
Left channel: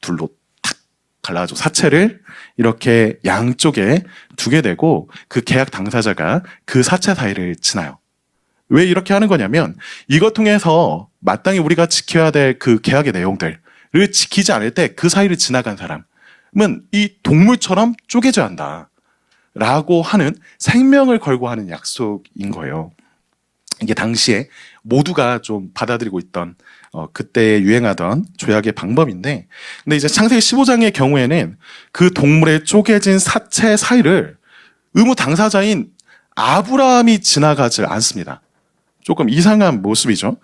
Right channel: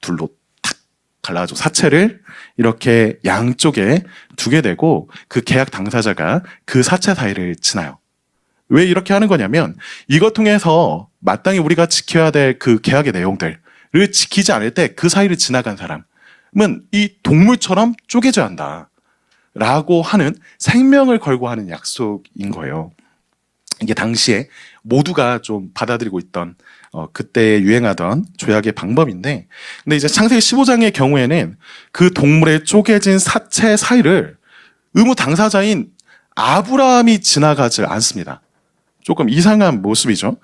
둘로 탁 갈라가지고 사체를 이렇게 양쪽에 두게 되고 그 계약 당사자가 그 사체 사이를 지나요. 왜 이렇게 하는 거냐면 이것 통해서 마땅히 우리가 지켜야 될 그 계약의 내용들을 지키지 않을 때 그 사이를 지나간 사람은 이 동물처럼 쪼개져야 한다 라고 하는, 생명을 걸고 하는 약속인 거예요. 이게 당시에 모두가 좀 받아들이고 있던 그때 유행하던 조약의 방법인데, 근데 이제 창세기 15장의 경우에는 그 동물의 쪼개진 사체 사이를 의무 당사자인 아브라함이 지나가지 않습니다. 조금 이상한 모습이죠.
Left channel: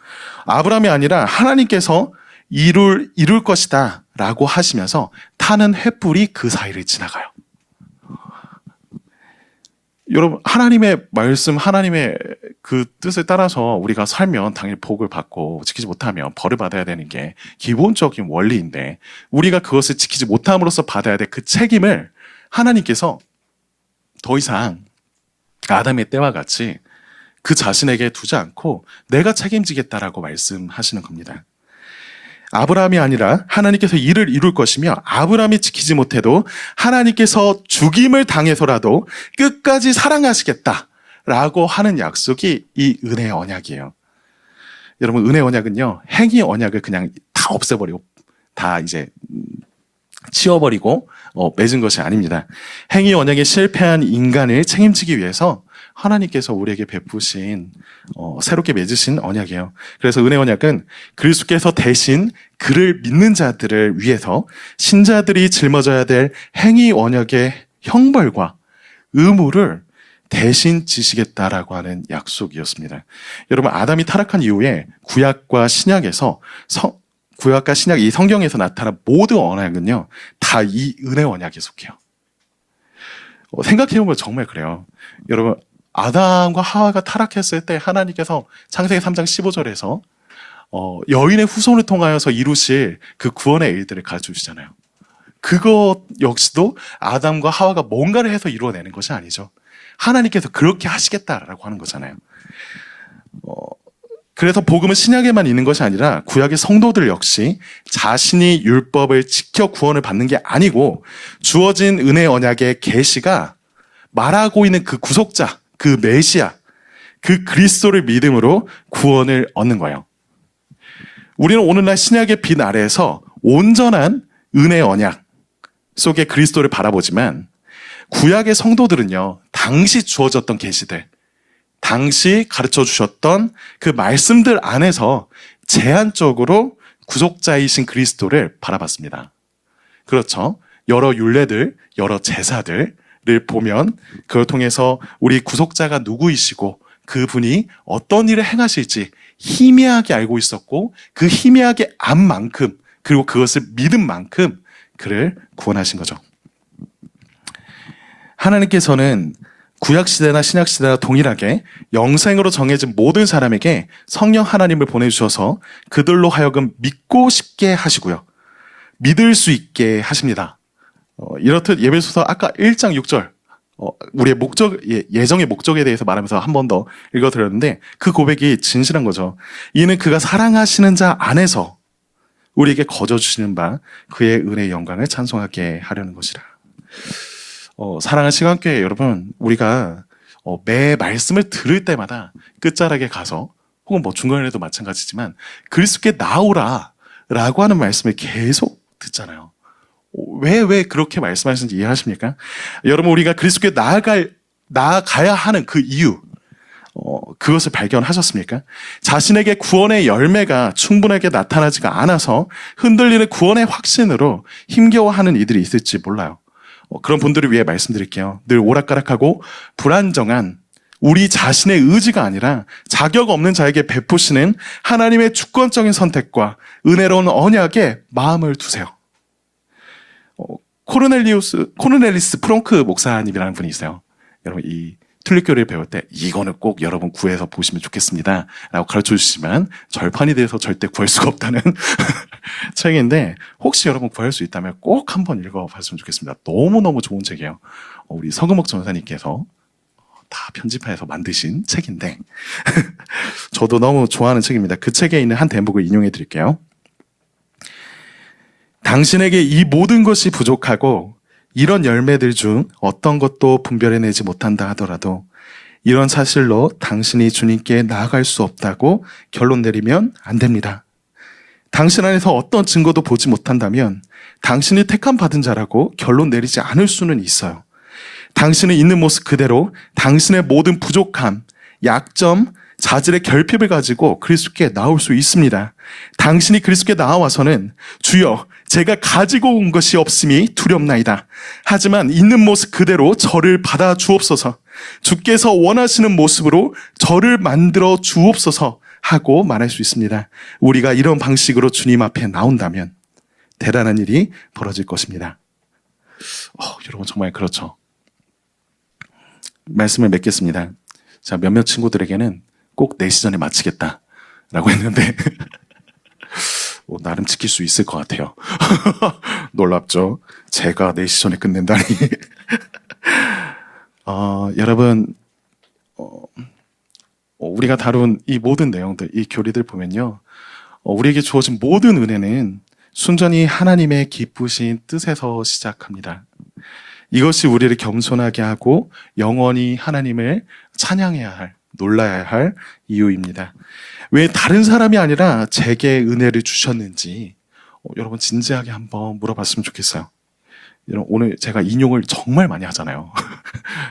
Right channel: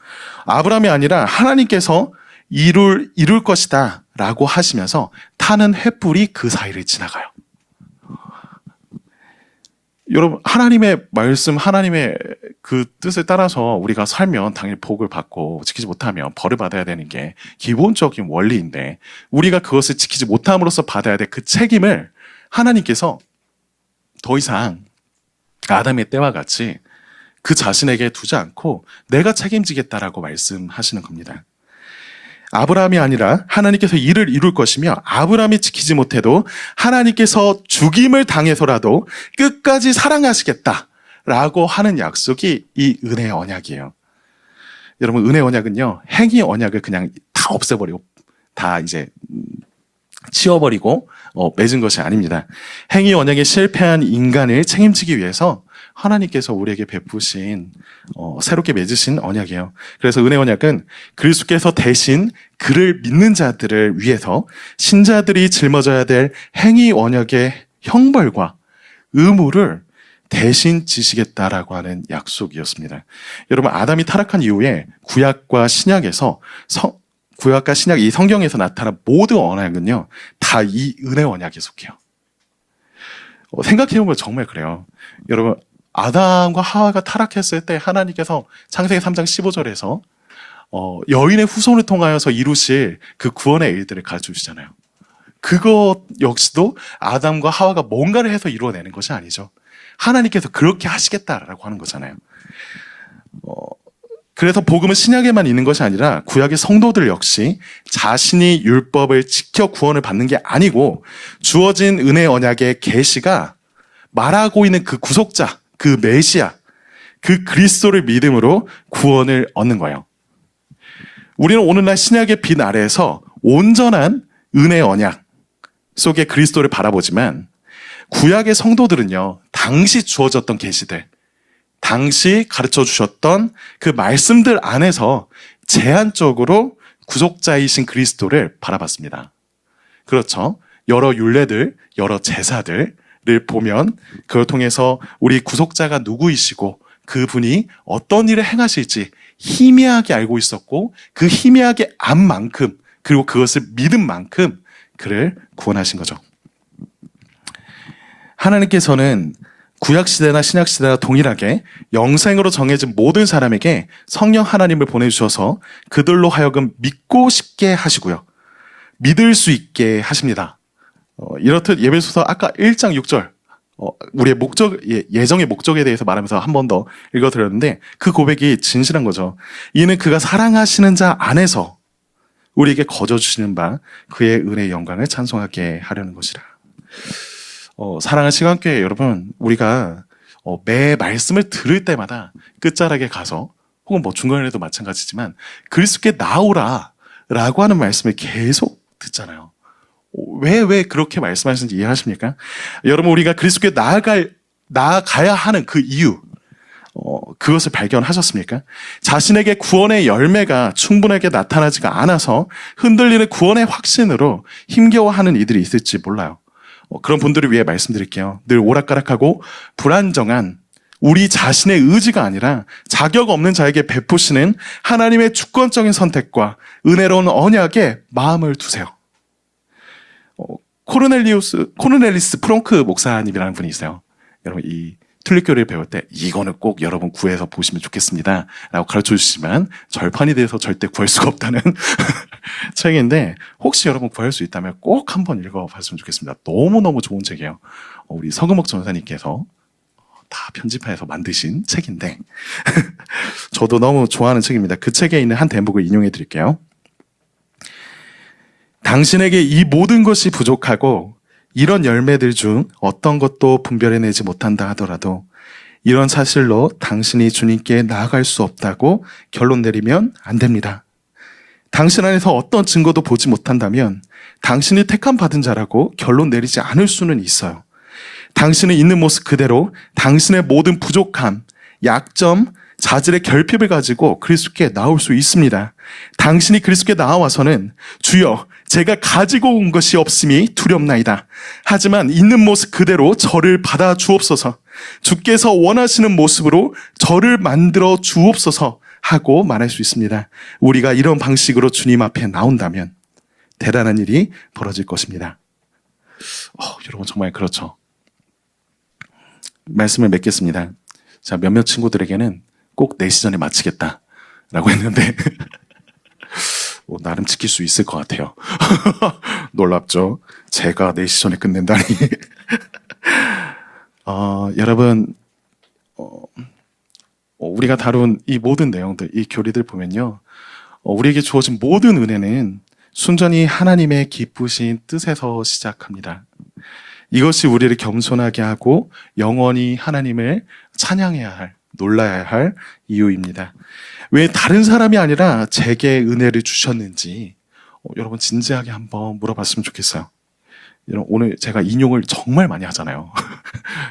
아브라함이 아니라 하나님께서 이룰 것이다 라고 하시면서 타는 횃불이 그 사이를 지나가요. 여러분, 하나님의 말씀, 하나님의 그 뜻을 따라서 우리가 살면 당연히 복을 받고, 지키지 못하면 벌을 받아야 되는 게 기본적인 원리인데, 우리가 그것을 지키지 못함으로써 받아야 될 그 책임을 하나님께서 더 이상 아담의 때와 같이 그 자신에게 두지 않고 내가 책임지겠다라고 말씀하시는 겁니다. 아브라함이 아니라 하나님께서 이를 이룰 것이며, 아브라함이 지키지 못해도 하나님께서 죽임을 당해서라도 끝까지 사랑하시겠다라고 하는 약속이 이 은혜의 언약이에요. 여러분, 은혜의 언약은요, 행위 언약을 그냥 다 없애버리고 다 이제 치워버리고 맺은 것이 아닙니다. 행위 언약에 실패한 인간을 책임지기 위해서 하나님께서 우리에게 베푸신 새롭게 맺으신 언약이에요. 그래서 은혜 언약은 그리스도께서 대신 그를 믿는 자들을 위해서 신자들이 짊어져야 될 행위 언약의 형벌과 의무를 대신 지시겠다라고 하는 약속이었습니다. 여러분, 아담이 타락한 이후에 구약과 신약에서 구약과 신약, 이 성경에서 나타난 모든 언약은요, 다 이 은혜 언약에 속해요. 생각해보면 정말 그래요. 여러분, 아담과 하와가 타락했을 때 하나님께서 창세기 3장 15절에서 여인의 후손을 통하여서 이루실 그 구원의 일들을 가르쳐주시잖아요. 그것 역시도 아담과 하와가 뭔가를 해서 이루어내는 것이 아니죠. 하나님께서 그렇게 하시겠다라고 하는 거잖아요. 그래서 복음은 신약에만 있는 것이 아니라 구약의 성도들 역시 자신이 율법을 지켜 구원을 받는 게 아니고 주어진 은혜 언약의 계시가 말하고 있는 그 구속자, 그 메시아, 그 그리스도를 믿음으로 구원을 얻는 거예요. 우리는 오늘날 신약의 빛 아래에서 온전한 은혜의 언약 속에 그리스도를 바라보지만 구약의 성도들은요, 당시 주어졌던 계시들, 당시 가르쳐 주셨던 그 말씀들 안에서 제한적으로 구속자이신 그리스도를 바라봤습니다. 그렇죠. 여러 율례들, 여러 제사들을 보면 그걸 통해서 우리 구속자가 누구이시고 그분이 어떤 일을 행하실지 희미하게 알고 있었고 그 희미하게 안 만큼 그리고 그것을 믿은 만큼 그를 구원하신 거죠. 하나님께서는 구약시대나 신약시대와 동일하게 영생으로 정해진 모든 사람에게 성령 하나님을 보내주셔서 그들로 하여금 믿고 싶게 하시고요. 믿을 수 있게 하십니다. 이렇듯 예배소서 아까 1장 6절 우리의 목적, 예정의 목적에 대해서 말하면서 한 번 더 읽어드렸는데 그 고백이 진실한 거죠. 이는 그가 사랑하시는 자 안에서 우리에게 거저주시는 바 그의 은혜의 영광을 찬송하게 하려는 것이라. 사랑하는 시간교회 여러분, 우리가 매 말씀을 들을 때마다 끝자락에 가서 혹은 뭐 중간에도 마찬가지지만 그리스도께 나오라 라고 하는 말씀을 계속 듣잖아요. 왜 그렇게 말씀하시는지 이해하십니까? 여러분, 우리가 그리스도께 나아가야 하는 그 이유, 그것을 발견하셨습니까? 자신에게 구원의 열매가 충분하게 나타나지가 않아서 흔들리는 구원의 확신으로 힘겨워하는 이들이 있을지 몰라요. 그런 분들을 위해 말씀드릴게요. 늘 오락가락하고 불안정한 우리 자신의 의지가 아니라 자격 없는 자에게 베푸시는 하나님의 주권적인 선택과 은혜로운 언약에 마음을 두세요. 코르넬리스 프롱크 목사님이라는 분이 있어요. 여러분, 이 툴립교리를 배울 때 이거는 꼭 여러분 구해서 보시면 좋겠습니다 라고 가르쳐 주시지만 절판이 돼서 절대 구할 수가 없다는 책인데 혹시 여러분 구할 수 있다면 꼭 한번 읽어봤으면 좋겠습니다. 너무너무 좋은 책이에요. 우리 서금옥 전사님께서 다 편집해서 만드신 책인데 저도 너무 좋아하는 책입니다. 그 책에 있는 한 대목을 인용해 드릴게요. 당신에게 이 모든 것이 부족하고 이런 열매들 중 어떤 것도 분별해내지 못한다 하더라도 이런 사실로 당신이 주님께 나아갈 수 없다고 결론 내리면 안 됩니다. 당신 안에서 어떤 증거도 보지 못한다면 당신이 택함 받은 자라고 결론 내리지 않을 수는 있어요. 당신은 있는 모습 그대로 당신의 모든 부족함, 약점, 자질의 결핍을 가지고 그리스도께 나올 수 있습니다. 당신이 그리스도께 나와서는 주여 제가 가지고 온 것이 없음이 두렵나이다. 하지만 있는 모습 그대로 저를 받아 주옵소서. 주께서 원하시는 모습으로 저를 만들어 주옵소서 하고 말할 수 있습니다. 우리가 이런 방식으로 주님 앞에 나온다면 대단한 일이 벌어질 것입니다. 여러분 정말 그렇죠. 말씀을 맺겠습니다. 자, 몇몇 친구들에게는 꼭 4시 전에 마치겠다라고 했는데 나름 지킬 수 있을 것 같아요. 놀랍죠? 제가 4시 전에 끝낸다니. 여러분, 우리가 다룬 이 모든 내용들, 이 교리들 보면요. 우리에게 주어진 모든 은혜는 순전히 하나님의 기쁘신 뜻에서 시작합니다. 이것이 우리를 겸손하게 하고 영원히 하나님을 찬양해야 할, 놀라야 할 이유입니다. 왜 다른 사람이 아니라 제게 은혜를 주셨는지 여러분 진지하게 한번 물어봤으면 좋겠어요. 여러분, 오늘 제가 인용을 정말 많이 하잖아요.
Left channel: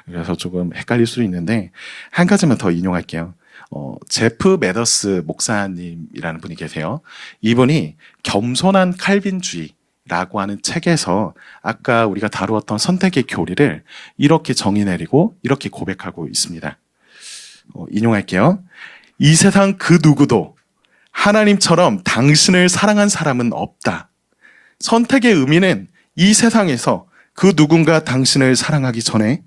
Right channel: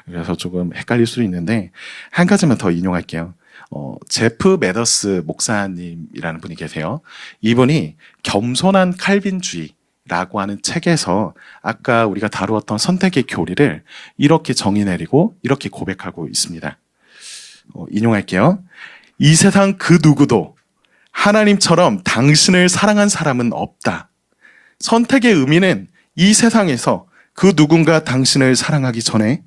그래서 조금 헷갈릴 수도 있는데 한 가지만 더 인용할게요. 제프 메더스 목사님이라는 분이 계세요. 이분이 겸손한 칼빈주의라고 하는 책에서 아까 우리가 다루었던 선택의 교리를 이렇게 정의 내리고 이렇게 고백하고 있습니다. 인용할게요. 이 세상 그 누구도 하나님처럼 당신을 사랑한 사람은 없다. 선택의 의미는 이 세상에서 그 누군가 당신을 사랑하기 전에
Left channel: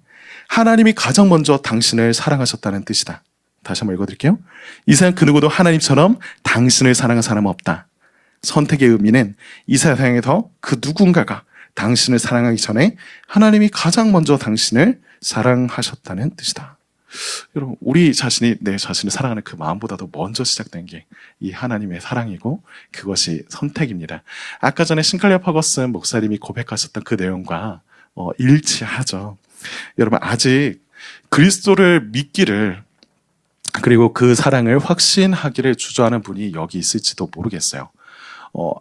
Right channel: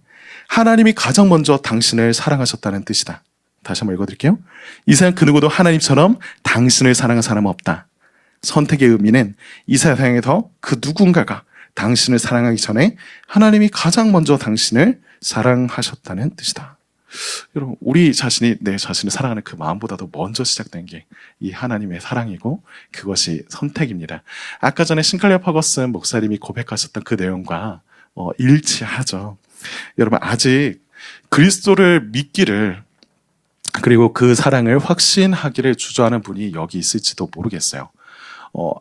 하나님이 가장 먼저 당신을 사랑하셨다는 뜻이다. 다시 한번 읽어드릴게요. 이 세상 그 누구도 하나님처럼 당신을 사랑한 사람은 없다. 선택의 의미는 이 세상에서 그 누군가가 당신을 사랑하기 전에 하나님이 가장 먼저 당신을 사랑하셨다는 뜻이다. 여러분, 우리 자신이 내 자신을 사랑하는 그 마음보다도 먼저 시작된 게 이 하나님의 사랑이고 그것이 선택입니다. 아까 전에 신칼리아 퍼거슨 목사님이 고백하셨던 그 내용과 일치하죠. 여러분, 아직 그리스도를 믿기를 그리고 그 사랑을 확신하기를 주저하는 분이 여기 있을지도 모르겠어요.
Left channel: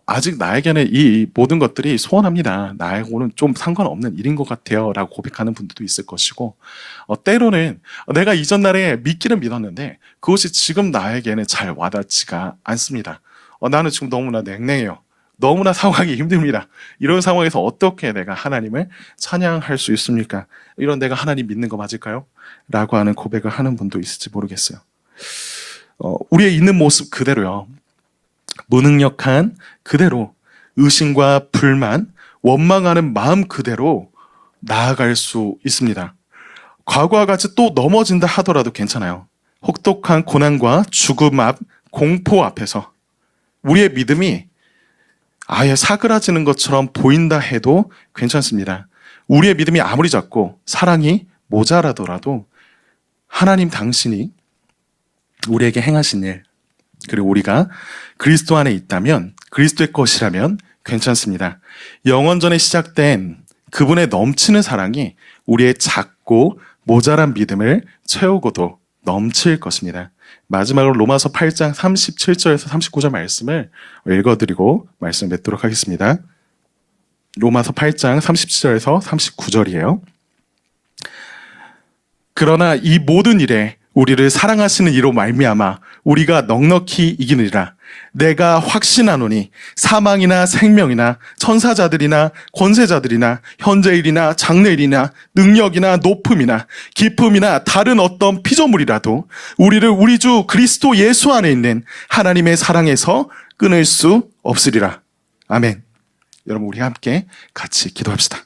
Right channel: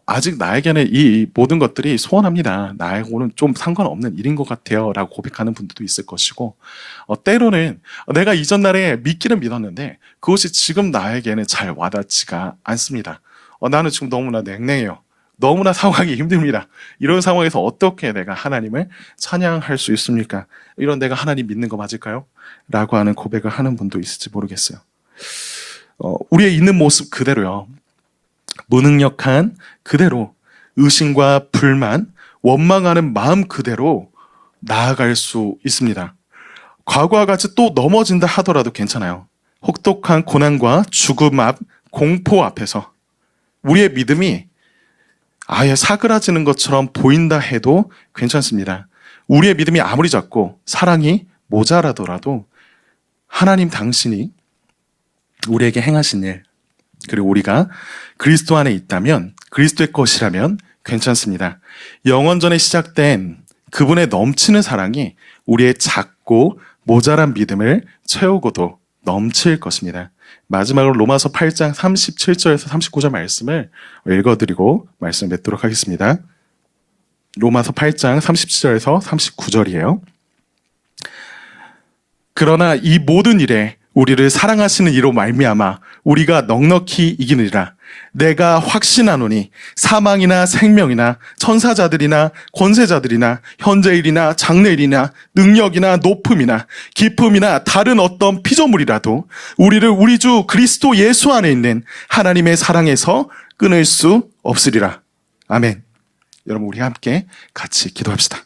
아직 나에게는 이 모든 것들이 소원합니다. 나하고는 좀 상관없는 일인 것 같아요. 라고 고백하는 분들도 있을 것이고, 때로는 내가 이전 날에 믿기는 믿었는데 그것이 지금 나에게는 잘 와닿지가 않습니다. 나는 지금 너무나 냉랭해요. 너무나 상황이 힘듭니다. 이런 상황에서 어떻게 내가 하나님을 찬양할 수 있습니까? 이런 내가 하나님 믿는 거 맞을까요? 라고 하는 고백을 하는 분도 있을지 모르겠어요. 우리의 있는 모습 그대로요. 무능력한 그대로 의심과 불만, 원망하는 마음 그대로 나아갈 수 있습니다. 과거와 같이 또 넘어진다 하더라도 괜찮아요. 혹독한 고난과 죽음 앞, 공포 앞에서 우리의 믿음이 아예 사그라지는 것처럼 보인다 해도 괜찮습니다. 우리의 믿음이 아무리 작고 사랑이 모자라더라도 하나님 당신이 우리에게 행하신 일, 그리고 우리가 그리스도 안에 있다면, 그리스도의 것이라면 괜찮습니다. 영원전에 시작된 그분의 넘치는 사랑이 우리의 작고 모자란 믿음을 채우고도 넘칠 것입니다. 마지막으로 로마서 8장 37절에서 39절 말씀을 읽어드리고 말씀 맺도록 하겠습니다. 로마서 8장 37절에서 39절이에요. 그러나 이 모든 일에 우리를 사랑하시는 이로 말미암아 우리가 넉넉히 이기느니라. 내가 확신하노니 사망이나 생명이나 천사자들이나 권세자들이나 현재일이나 장래일이나 능력이나 높음이나 깊음이나 다른 어떤 피조물이라도 우리를 우리 주 그리스도 예수 안에 있는 하나님의 사랑에서 끊을 수 없으리라. 아멘. 여러분, 우리 함께 같이 기도합시다.